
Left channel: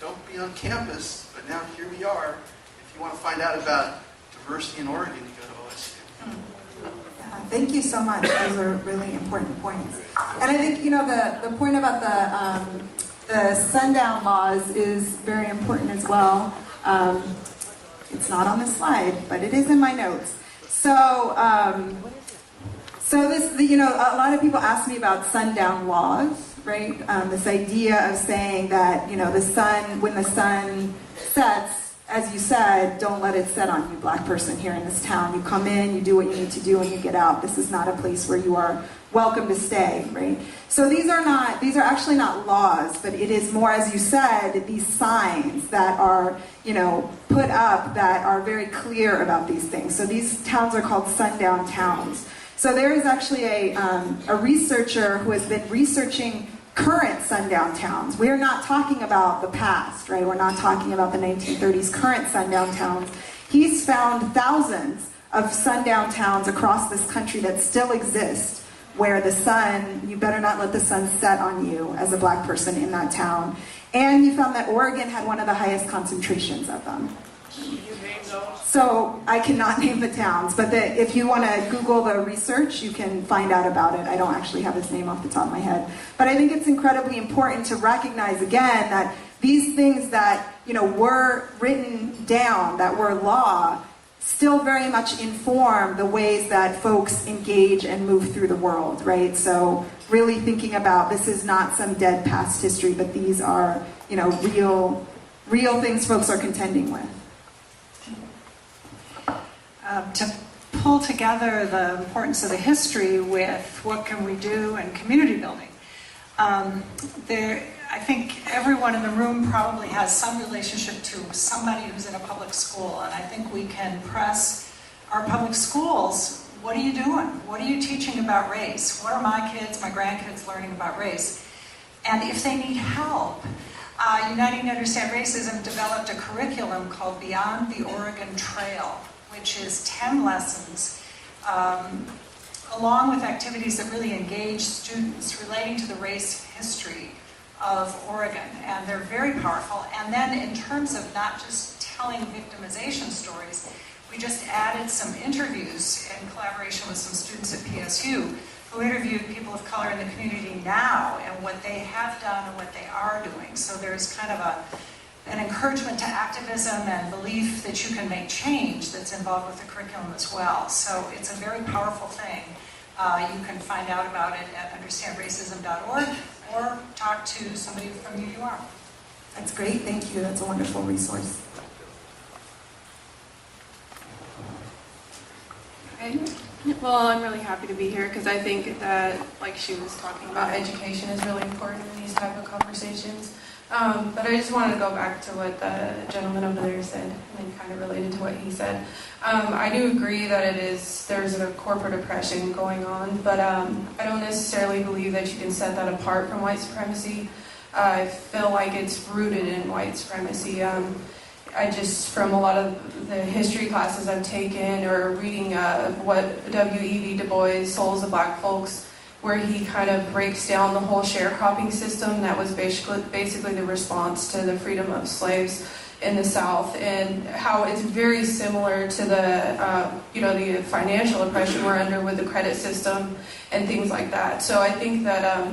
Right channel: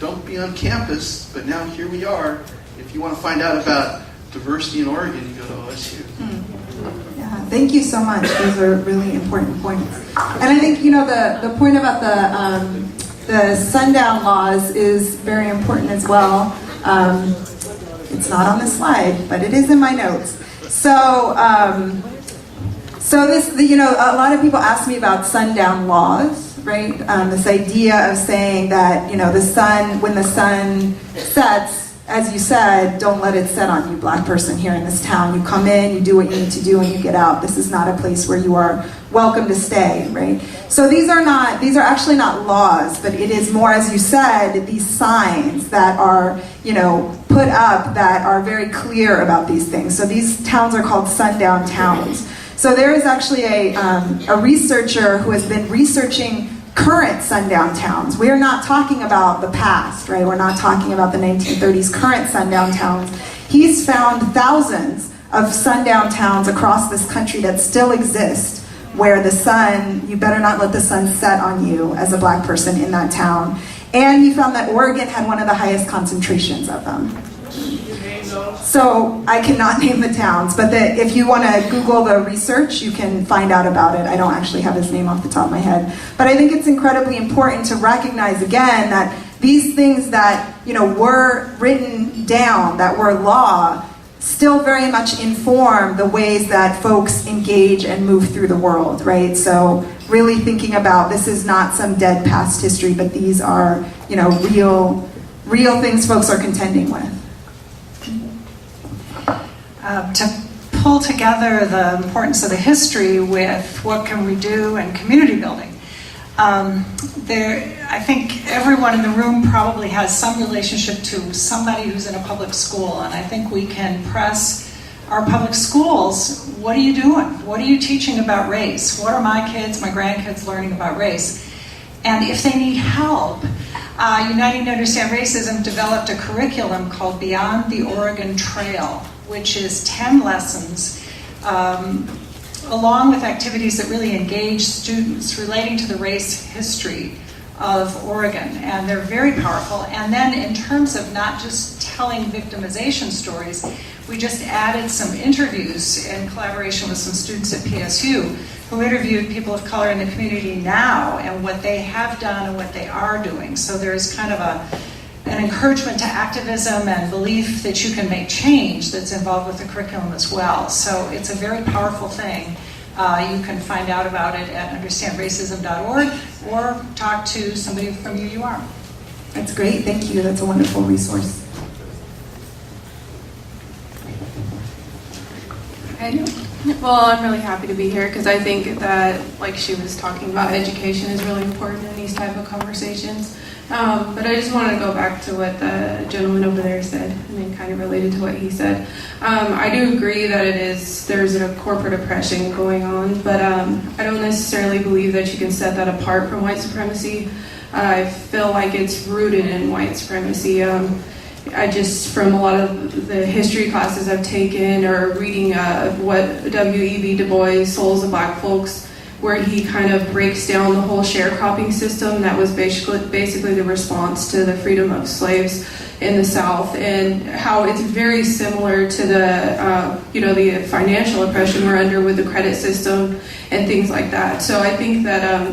don't be on campus, but now here we are. If you want to find out about diversity in Oregon, go to OSU. Thank you so much. Those are really important points. And I think, the point about the Sundown laws is very important as well. It's not on the slide, but it is in my notes. So this, a lot of people ask me about sundown laws, right? This idea of saying that, when the sun sets, as you said, don't let it set on you, black person here in this town. You come in, you do what you need to do, and you get out. This is not a place where you are welcome to stay, right? So these are actually not laws, but it is more, as you said, these signs that are, put up that are very clear about these things. So these towns are called sundown towns. So there is actually a researcher who has been researching current sundown towns. We are not talking about the past, right? We're not talking about the 1930s current sundown towns. He's found thousands of sundown towns across this country that still exist, where you better not let the sun set on you as a black person in that town. And he found that Oregon had one of the highest concentrations of them. So I cannot name the towns, but if you want to Google the research, you can find out about it. I don't actually have his name off the top of my head. But I think it's incredibly important to recognize again that these things that were written down, that were law, still very much inform the ways that folks engage and move through the world, right? So really thinking about this is not some dead past history, but these are real things folks are contending with. To pull together the importance of the history with what can we do and community building. I think everyone in the room probably has some relationship to somebody who's in a public school, and I think we can press our public schools. What are you doing? What are you teaching about race? What are my kids, my grandkids learning about race? And if they need help, Uniting to Understand Racism developed a curriculum called Beyond the Oregon Trail, which is 10 lessons along with activities that really engage students relating to the race history of Oregon. And they're very powerful. And then in terms of not just telling victimization stories, we just added some interviews in collaboration with some students at PSU who interviewed people of color in the community now and what they have done and what they are doing. So there's kind of an encouragement to activism and belief that you can make change that's involved with the curriculum as well. So it's a very powerful thing. You can find out about it at understandracism.org or talk to somebody from UR. That's great, thank you. That's a wonderful resource. Well, I'm really happy to be here because I think that, like she was talking about, education is really important in these type of conversations. But I just wanted to go back to what the gentleman over there said, and kind of related to what he said. I do agree that there's a corporate oppression going on, but I don't necessarily believe that you can set that apart from white supremacy. I feel like it's rooted in white supremacy. From a lot of the history classes I've taken or reading what W.E.B. Du Bois, Souls of Black Folks, where he kind of breaks down the whole sharecropping system that was basically the response to the freedom of slaves in the South, and how it's very similar to the financial oppression we're under with the credit system and things like that. So I think that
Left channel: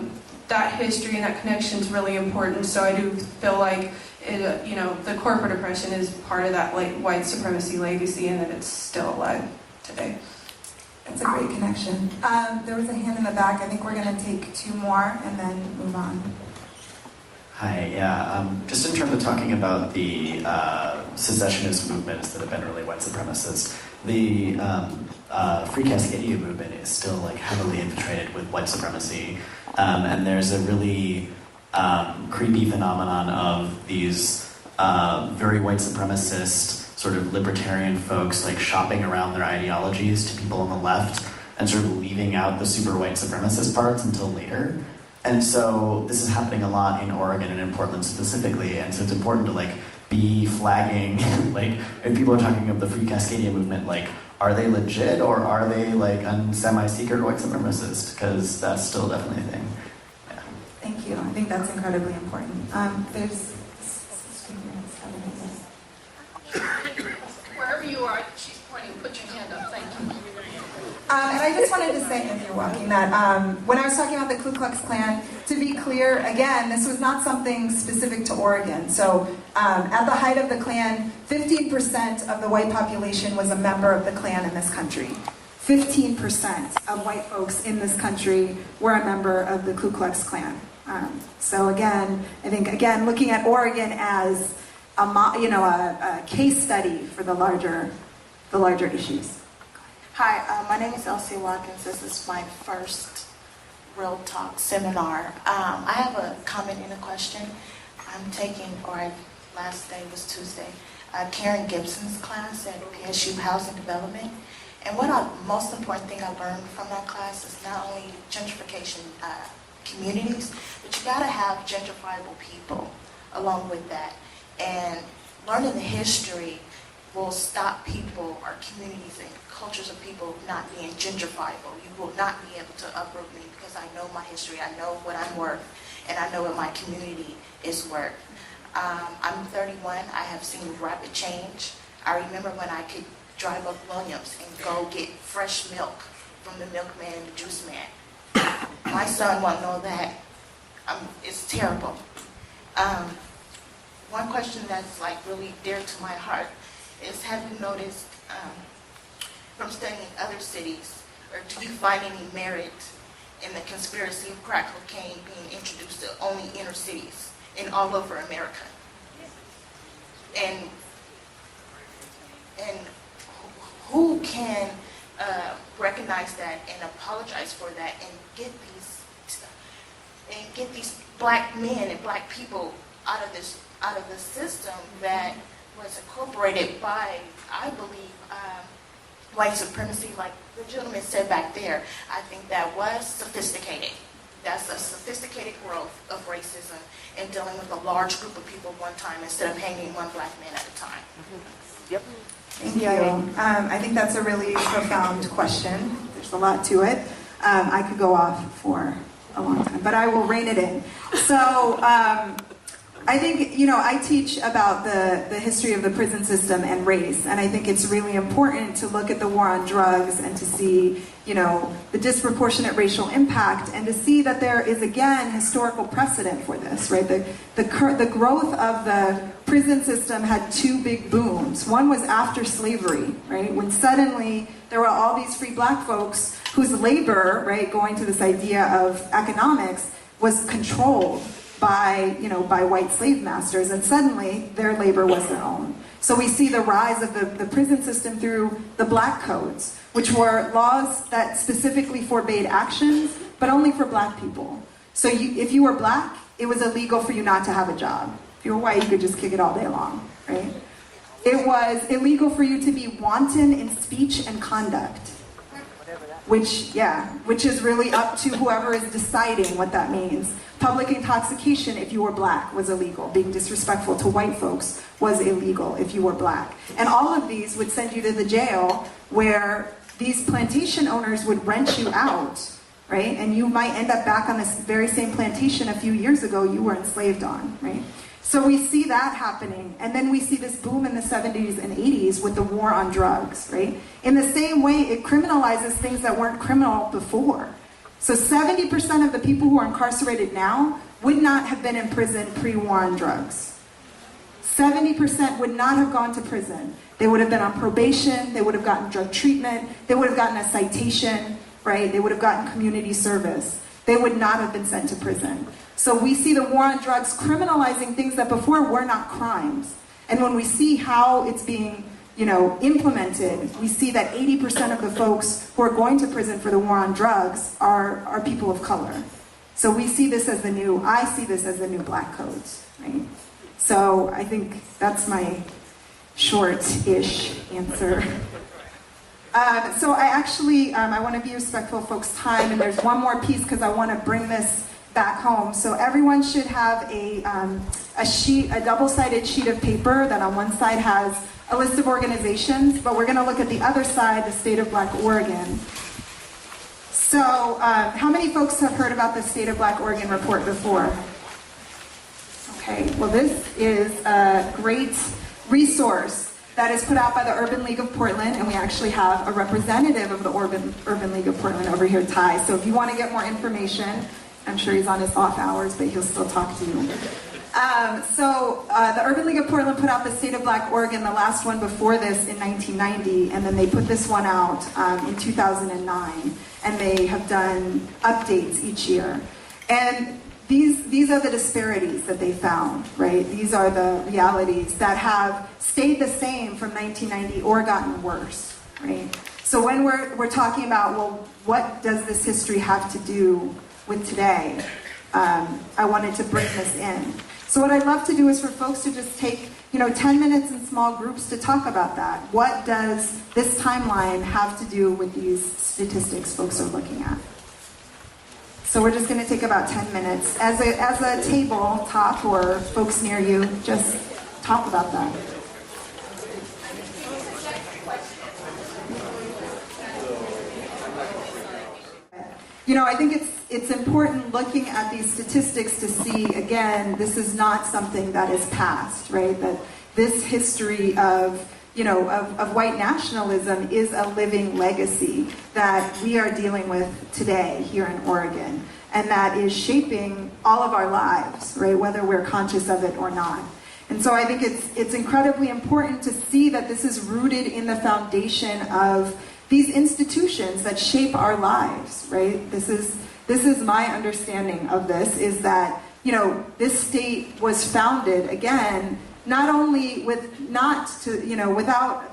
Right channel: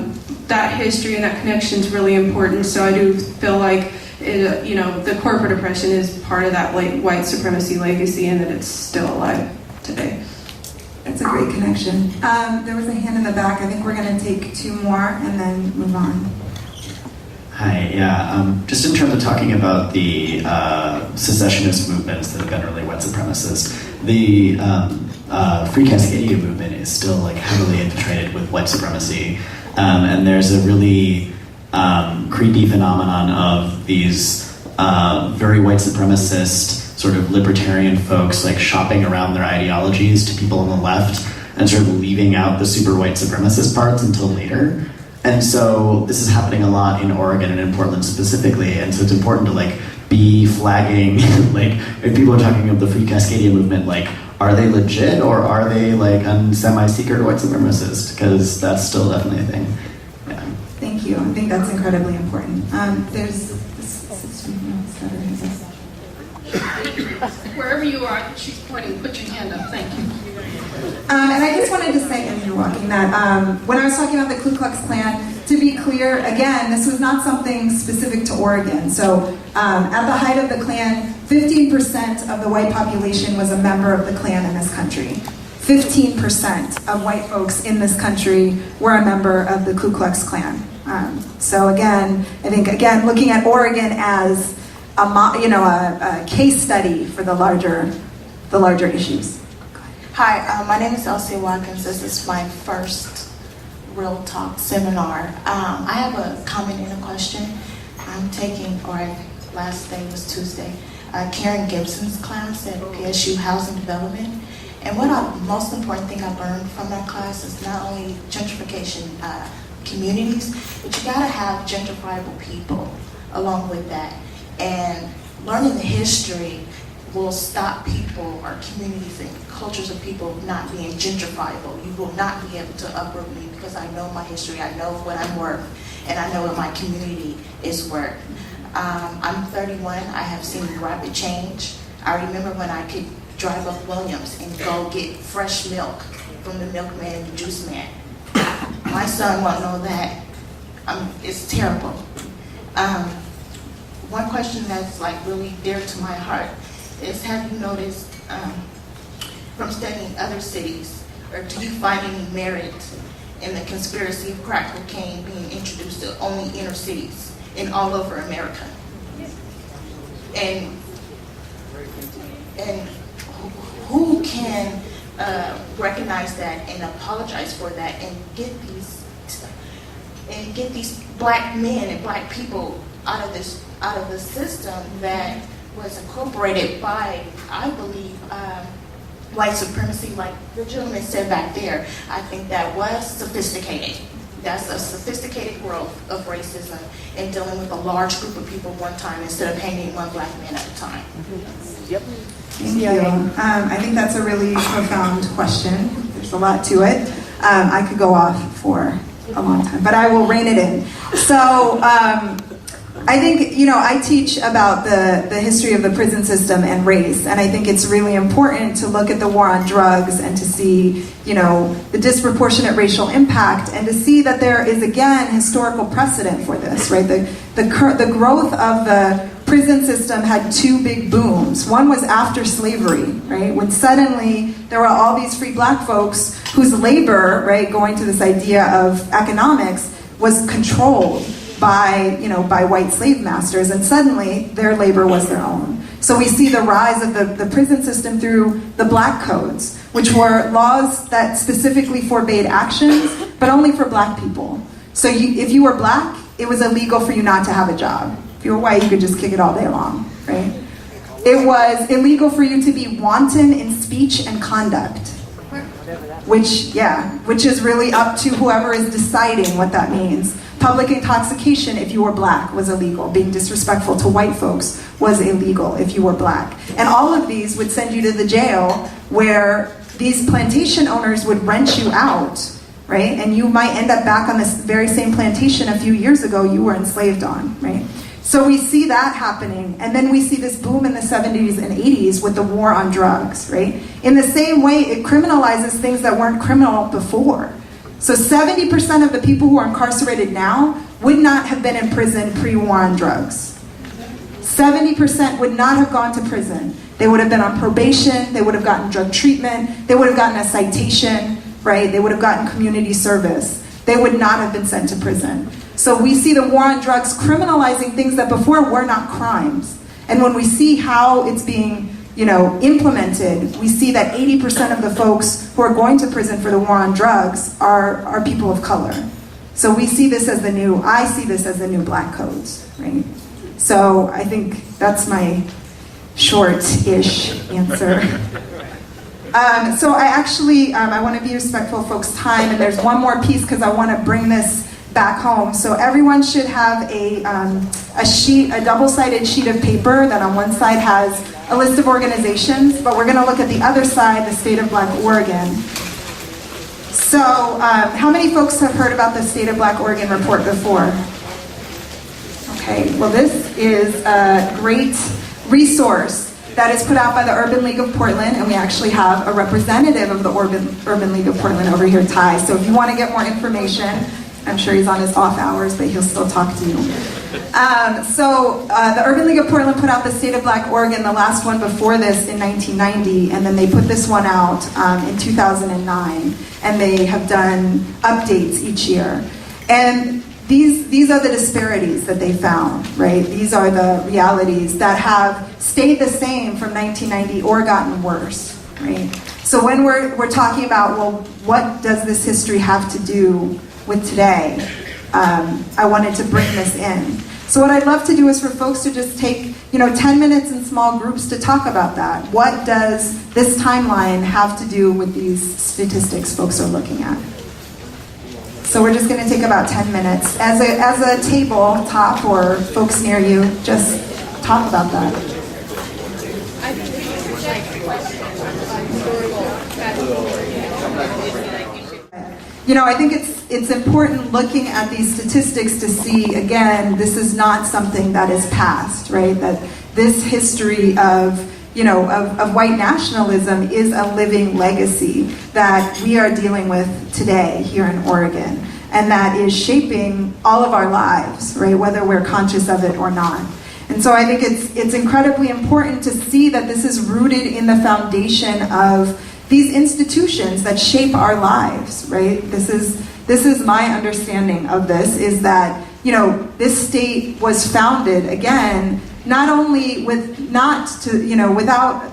that history and that connection is really important. So I do feel like the corporate oppression is part of that white supremacy legacy, and that it's still alive today. That's a great connection. There was a hand in the back. I think we're going to take two more and then move on. Hi, yeah. Just in terms of talking about the secessionist movements that have been really white supremacist, the Free Cascadia movement is still heavily infiltrated with white supremacy, and there's a really creepy phenomenon of these very white supremacist sort of libertarian folks shopping around their ideologies to people on the left and sort of leaving out the super white supremacist parts until later. And so this is happening a lot in Oregon and in Portland specifically, and so it's important to be flagging, if people are talking of the Free Cascadia movement, are they legit or are they semi-secret white supremacist? Because that's still definitely a thing. Yeah. Thank you. I think that's incredibly important. There's Wherever you are, she's pointing, put your hand up, thank you. And I just wanted to say, as you're walking, that when I was talking about the Ku Klux Klan, to be clear, again, this was not something specific to Oregon. So at the height of the Klan, 15% of the white population was a member of the Klan in this country. 15% of white folks in this country were a member of the Ku Klux Klan. So again, I think, again, looking at Oregon as a case study for the larger issues. Hi, my name is Elsie Watkins. This is my first Real Talk seminar. I have a comment and a question. I'm taking, last day was Tuesday, Karen Gibson's class at PSU Housing Development. And most important thing I learned from that class is not only gentrification communities, but you gotta have gentrifiable people along with that. And learning the history will stop people or communities and cultures of people not being gentrifiable. You will not be able to uproot me because I know my history, I know what I'm worth, and I know what my community is worth. I'm 31, I have seen rapid change. I remember when I could drive up Williams and go get fresh milk from the milkman and the juice man. My son won't know that. It's terrible. One question that's like really dear to my heart is, have you noticed from studying other cities, or do you find any merit in the conspiracy of crack cocaine being introduced to only inner cities and all over America? And who can recognize that and apologize for that and get these black men and black people out of the system that was incorporated by, I believe, white supremacy, like the gentleman said back there. I think that was sophisticated. That's a sophisticated growth of racism and dealing with a large group of people one time instead of hanging one black man at a time. Yep. Thank you. I think that's a really profound question. There's a lot to it. I could go off for a long time, but I will rein it in. So I think, I teach about the history of the prison system and race, and I think it's really important to look at the war on drugs and to see, the disproportionate racial impact, and to see that there is, again, historical precedent for this, right? The growth of the prison system had two big booms. One was after slavery, right? When suddenly there were all these free black folks whose labor, right, going to this idea of economics, was controlled by white slave masters, and suddenly their labor was their own. So we see the rise of the prison system through the black codes, which were laws that specifically forbade actions, but only for black people. So if you were black, it was illegal for you not to have a job. If you were white, you could just kick it all day long, right? It was illegal for you to be wanton in speech and conduct, which is really up to whoever is deciding what that means. Public intoxication, if you were black, was illegal. Being disrespectful to white folks was illegal if you were black. And all of these would send you to the jail, where these plantation owners would rent you out, right? And you might end up back on this very same plantation a few years ago you were enslaved on, right? So we see that happening, and then we see this boom in the 70s and 80s with the war on drugs, right? In the same way, it criminalizes things that weren't criminal before. So 70% of the people who are incarcerated now would not have been in prison pre-war on drugs. 70% would not have gone to prison. They would have been on probation, they would have gotten drug treatment, they would have gotten a citation, right? They would have gotten community service. They would not have been sent to prison. So we see the war on drugs criminalizing things that before were not crimes. And when we see how it's being implemented, we see that 80% of the folks who are going to prison for the war on drugs are people of color. So we see this as I see this as the new black codes, right? So I think that's my short-ish answer. So I want to be respectful of folks' time, and there's one more piece because I want to bring this back home. So everyone should have a double-sided sheet of paper that on one side has a list of organizations, but we're going to look at the other side, the State of Black Oregon. So how many folks have heard about the State of Black Oregon report before? Okay, well this is a great resource that is put out by the Urban League of Portland, and we actually have a representative of the Urban League of Portland over here, Ty. So if you want to get more information, I'm sure he's on his off hours, but he'll still talk to you. The Urban League of Portland put out the State of Black Oregon, the last one before this, in 1990, and then they put this one out in 2009, and they have done updates each year. And these are the disparities that they found, right? These are the realities that have stayed the same from 1990 or gotten worse, right? So when we're talking about, well, what does this history have to do with today? I wanted to bring this in. So what I'd love to do is for folks to just take 10 minutes in small groups to talk about that. What does this timeline have to do with these statistics folks are looking at? So we're just going to take about 10 minutes. As a tabletop or folks near you, just talk about that. I think it's important looking at these statistics to see, again, this is not something that is past, right? That this history of white nationalism is a living legacy that we are dealing with today here in Oregon, and that is shaping all of our lives, right? Whether we're conscious of it or not. And so I think it's incredibly important to see that this is rooted in the foundation of these institutions that shape our lives, right? This is my understanding of this, is that, this state was founded, again, not only without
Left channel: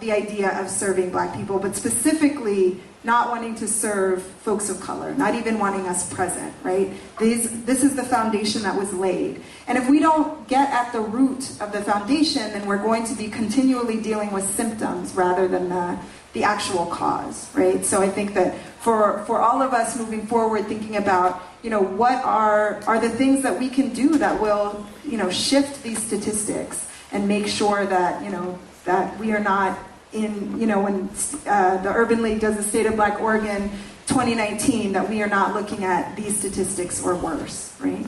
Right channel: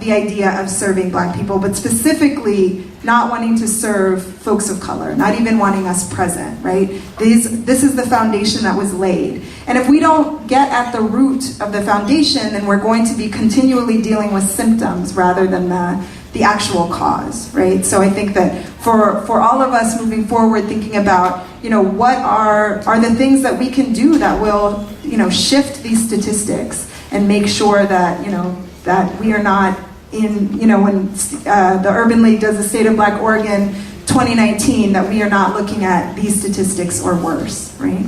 the idea of serving Black people, but specifically not wanting to serve folks of color, not even wanting us present, right? This is the foundation that was laid. And if we don't get at the root of the foundation, then we're going to be continually dealing with symptoms rather than the actual cause, right? So I think that for all of us moving forward, thinking about, what are the things that we can do that will, shift these statistics and make sure that, that we are not in, when the Urban League does the State of Black Oregon 2019, that we are not looking at these statistics or worse, right?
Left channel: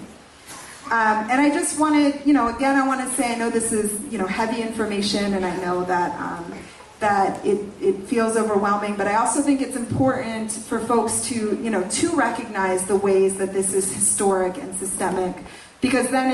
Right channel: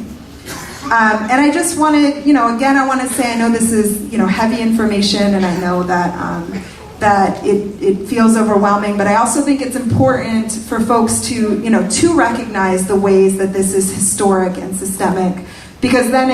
And I just wanted, again, I want to say, I know this is, heavy information, and I know that it feels overwhelming, but I also think it's important for folks to recognize the ways that this is historic and systemic, because then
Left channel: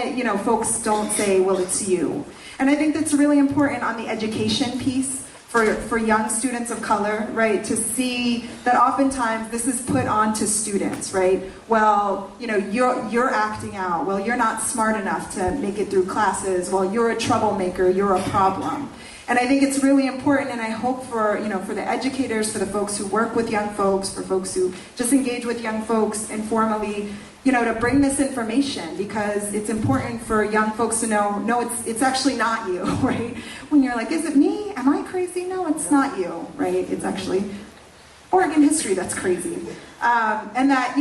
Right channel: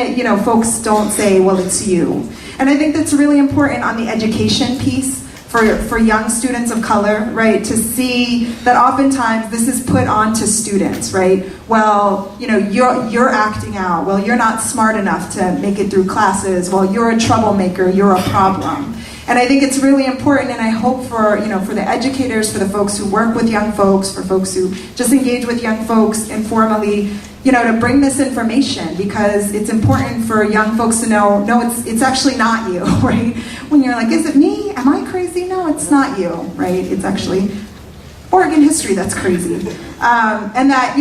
folks don't say, well, it's you. And I think that's really important on the education piece for young students of color, right? To see that oftentimes this is put onto students, right? Well, you're acting out. Well, you're not smart enough to make it through classes. Well, you're a troublemaker. You're a problem. And I think it's really important, and I hope for the educators, for the folks who work with young folks, for folks who just engage with young folks informally, to bring this information, because it's important for young folks to know, no, it's actually not you, right? When you're like, is it me? Am I crazy? No, it's not you, right? It's actually Oregon history that's crazy. And that,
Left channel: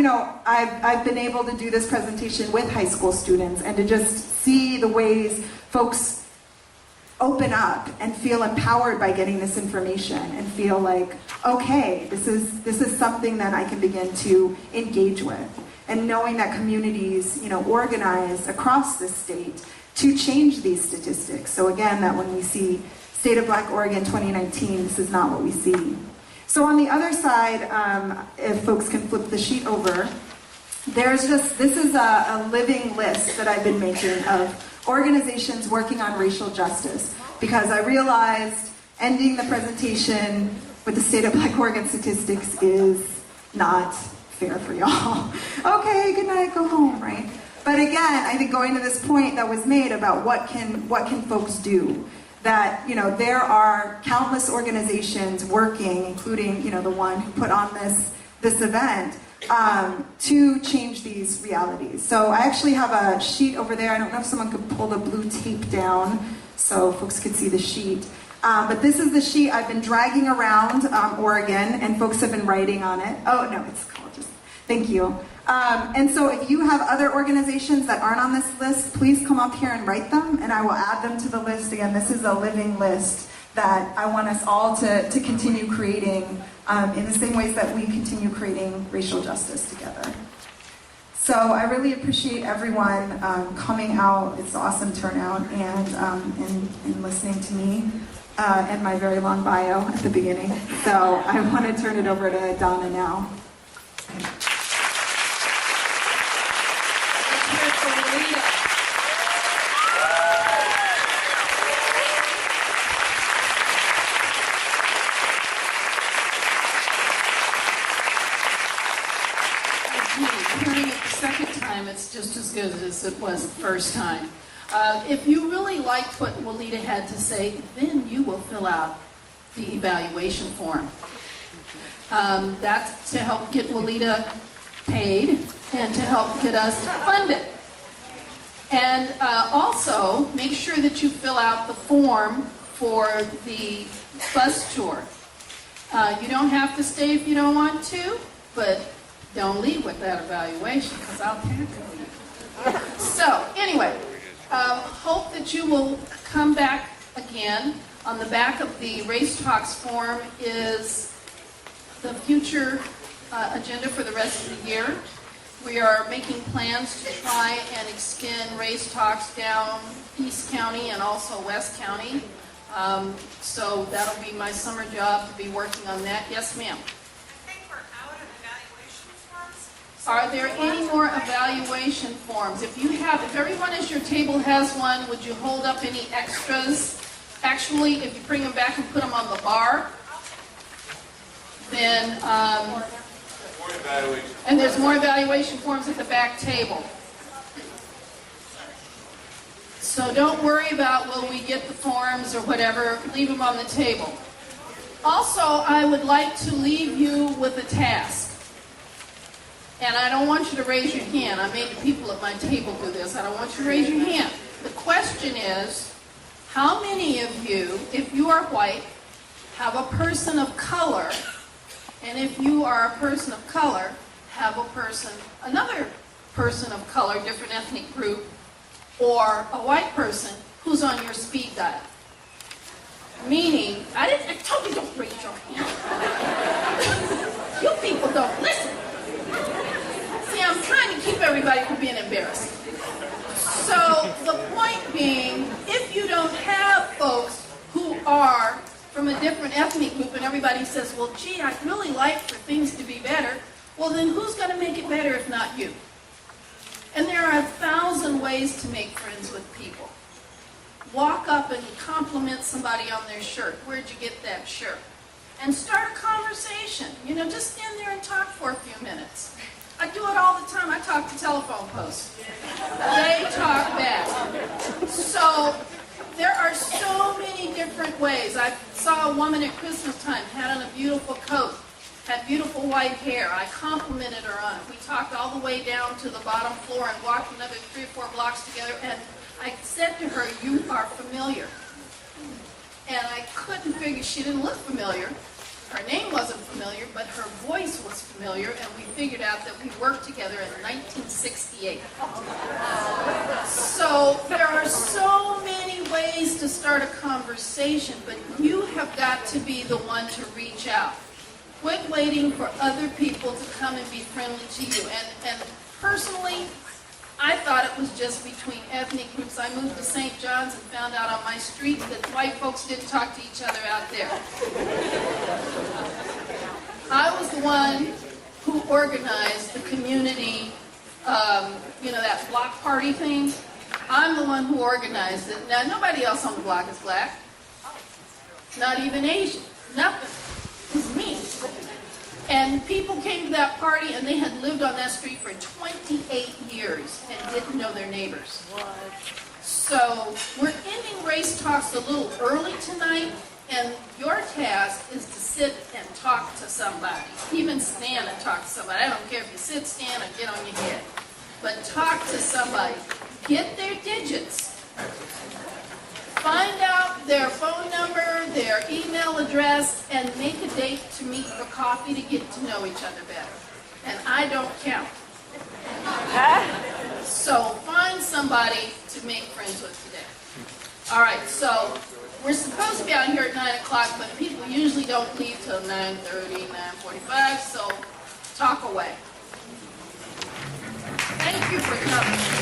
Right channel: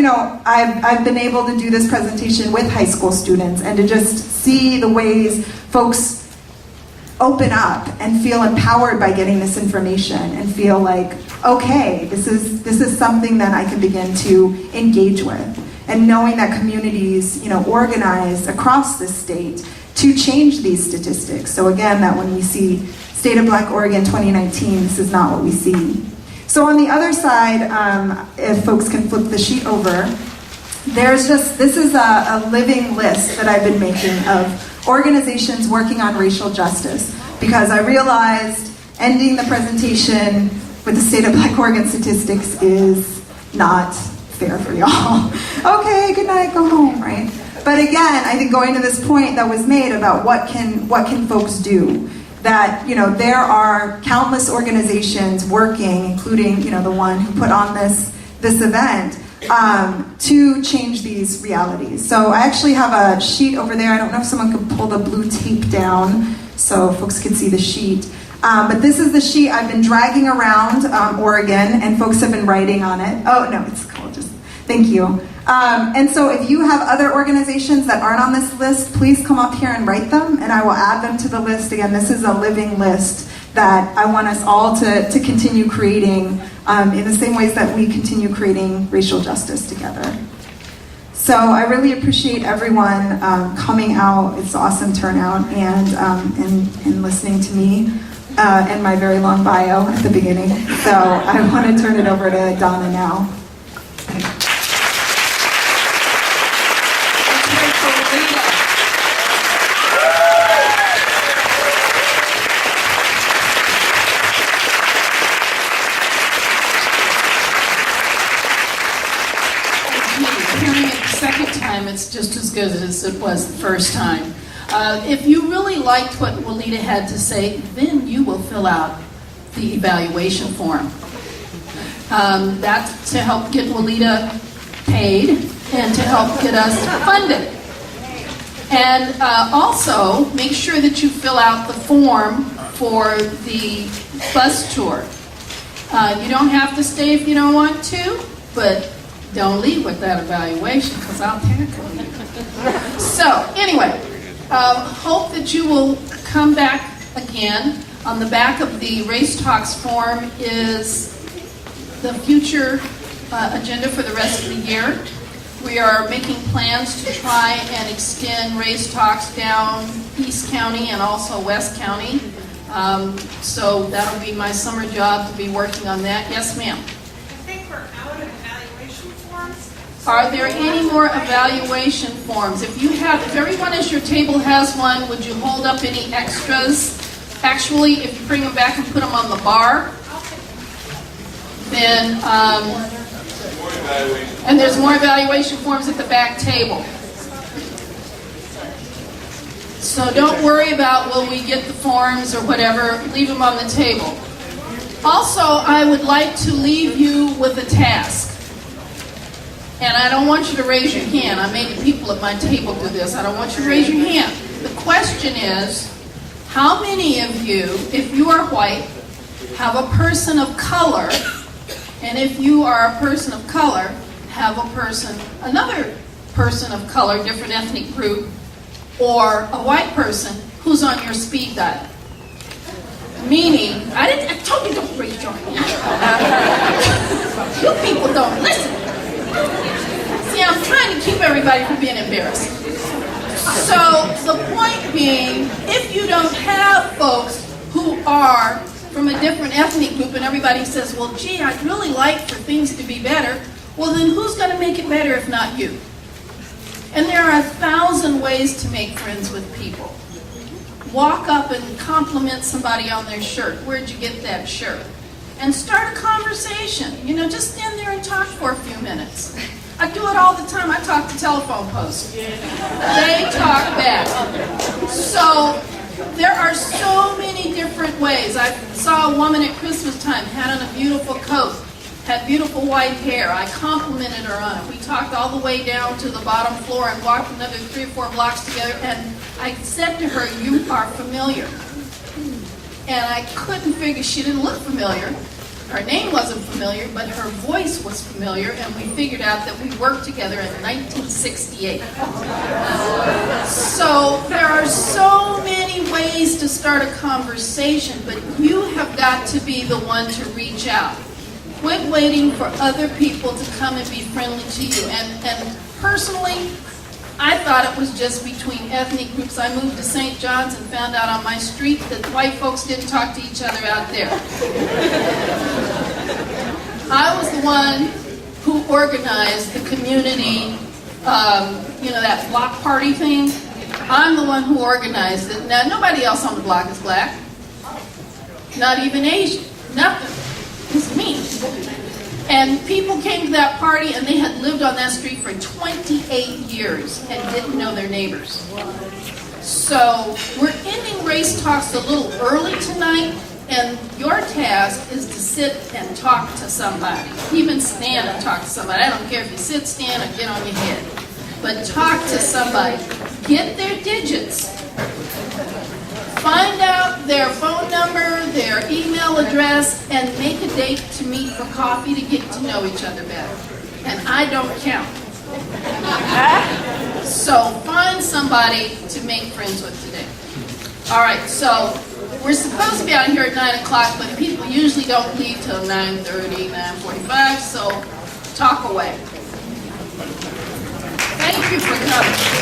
I've been able to do this presentation with high school students and to just see the ways folks open up and feel empowered by getting this information and feel like, okay, this is something that I can begin to engage with. And knowing that communities, organize across the state to change these statistics. So again, that when we see State of Black Oregon 2019, this is not what we see. So on the other side, if folks can flip the sheet over, this is a living list that I've been making of organizations working on racial justice, because I realized ending the presentation with the State of Black Oregon statistics is not fair for y'all. Okay, good night, go home, right? But again, I think going to this point that was made about what can folks do, that there are countless organizations working, including the one who put on this event, to change these realities. So I actually have a sheet over there. I don't know if someone could pull the blue tape down so folks could see the sheet. But this is the sheet I've been dragging around Oregon, and folks have been writing on it. Oh, no, it's cool. Just thank you. And so if you have other organizations that aren't on this list, please come up here and write them, and I will add them to the list. Again, this is a living list that I want us all to continue creating in the same ways that we continue creating racial justice together. So I really appreciate everyone coming out. It's an awesome turnout, and listening to me and my very long bio at the beginning. So I want to turn it over to Donna now. Hearing it the second time, it's just as good as it was the first time. If you really liked what Walida had to say, then you will fill out the evaluation form. That's to help get Walida paid and to help get us funded. And also, make sure that you fill out the form for the bus tour. You don't have to stay if you don't want to, but don't leave with that evaluation, because I'll tackle you. So, anyway, hope that you will come back again. On the back of the Race Talks form is the future agenda for the rest of the year. We are making plans to try and extend Race Talks down East County and also West County. So that'll be my summer job, to be working on that. Yes, ma'am. Are there any more evaluation forms? If everyone at your table has one, would you hold up any extras? Actually, if you bring them back and put them on the bar, then, and there's more evaluation forms at the back table. So don't worry about, will we get the forms or whatever, leave them on the table. Also, I would like to leave you with a task. And I don't want you to raise your hand. I made the people at my table do this. I don't want you to raise your hand. The question is, how many of you, if you are white, have a person of color, and if you are a person of color, have another person of color, different ethnic group, or a white person who's on your speed dial? Meaning, I told you don't raise your hand. You people don't listen. See, I'm trying to keep everybody from being embarrassed. So the point being, if you don't have folks who are from a different ethnic group and everybody says, well, gee, I'd really like for things to be better, well, then who's going to make it better if not you? And there are 1,000 ways to make friends with people. Walk up and compliment somebody on their shirt. Where'd you get that shirt? And start a conversation. Just stand there and talk for a few minutes. I do it all the time. I talk to telephone posts. They talk back. So there are so many different ways. I saw a woman at Christmas time, had on a beautiful coat, had beautiful white hair. I complimented her on it. We talked all the way down to the bottom floor and walked another 3 or 4 blocks together. And I said to her, you are familiar. And I couldn't figure, she didn't look familiar. Her name wasn't familiar, but her voice was familiar, and we figured out that we worked together in 1968. So there are so many ways to start a conversation, but you have got to be the one to reach out. Quit waiting for other people to come and be friendly to you. And personally, I thought it was just between ethnic groups. I moved to St. John's and found out on my street that white folks didn't talk to each other out there. I was the one who organized the community, that block party thing. I'm the one who organized it. Now, nobody else on the block is black. Not even Asian. Nothing. It's me. And people came to that party, and they had lived on that street for 28 years and didn't know their neighbors. So we're ending Race Talks a little early tonight, and your task is to sit and talk to somebody. Even stand and talk to somebody. I don't care if you sit, stand, or get on your head. But talk to somebody. Get their digits. Find out their phone number, their email address, and make a date to meet for coffee to get to know each other better. And I don't count. So find somebody to make friends with today. All right, so we're supposed to be out here at 9 o'clock, but people usually don't leave till 9:30, 9:45, so talk away. Thank you for coming.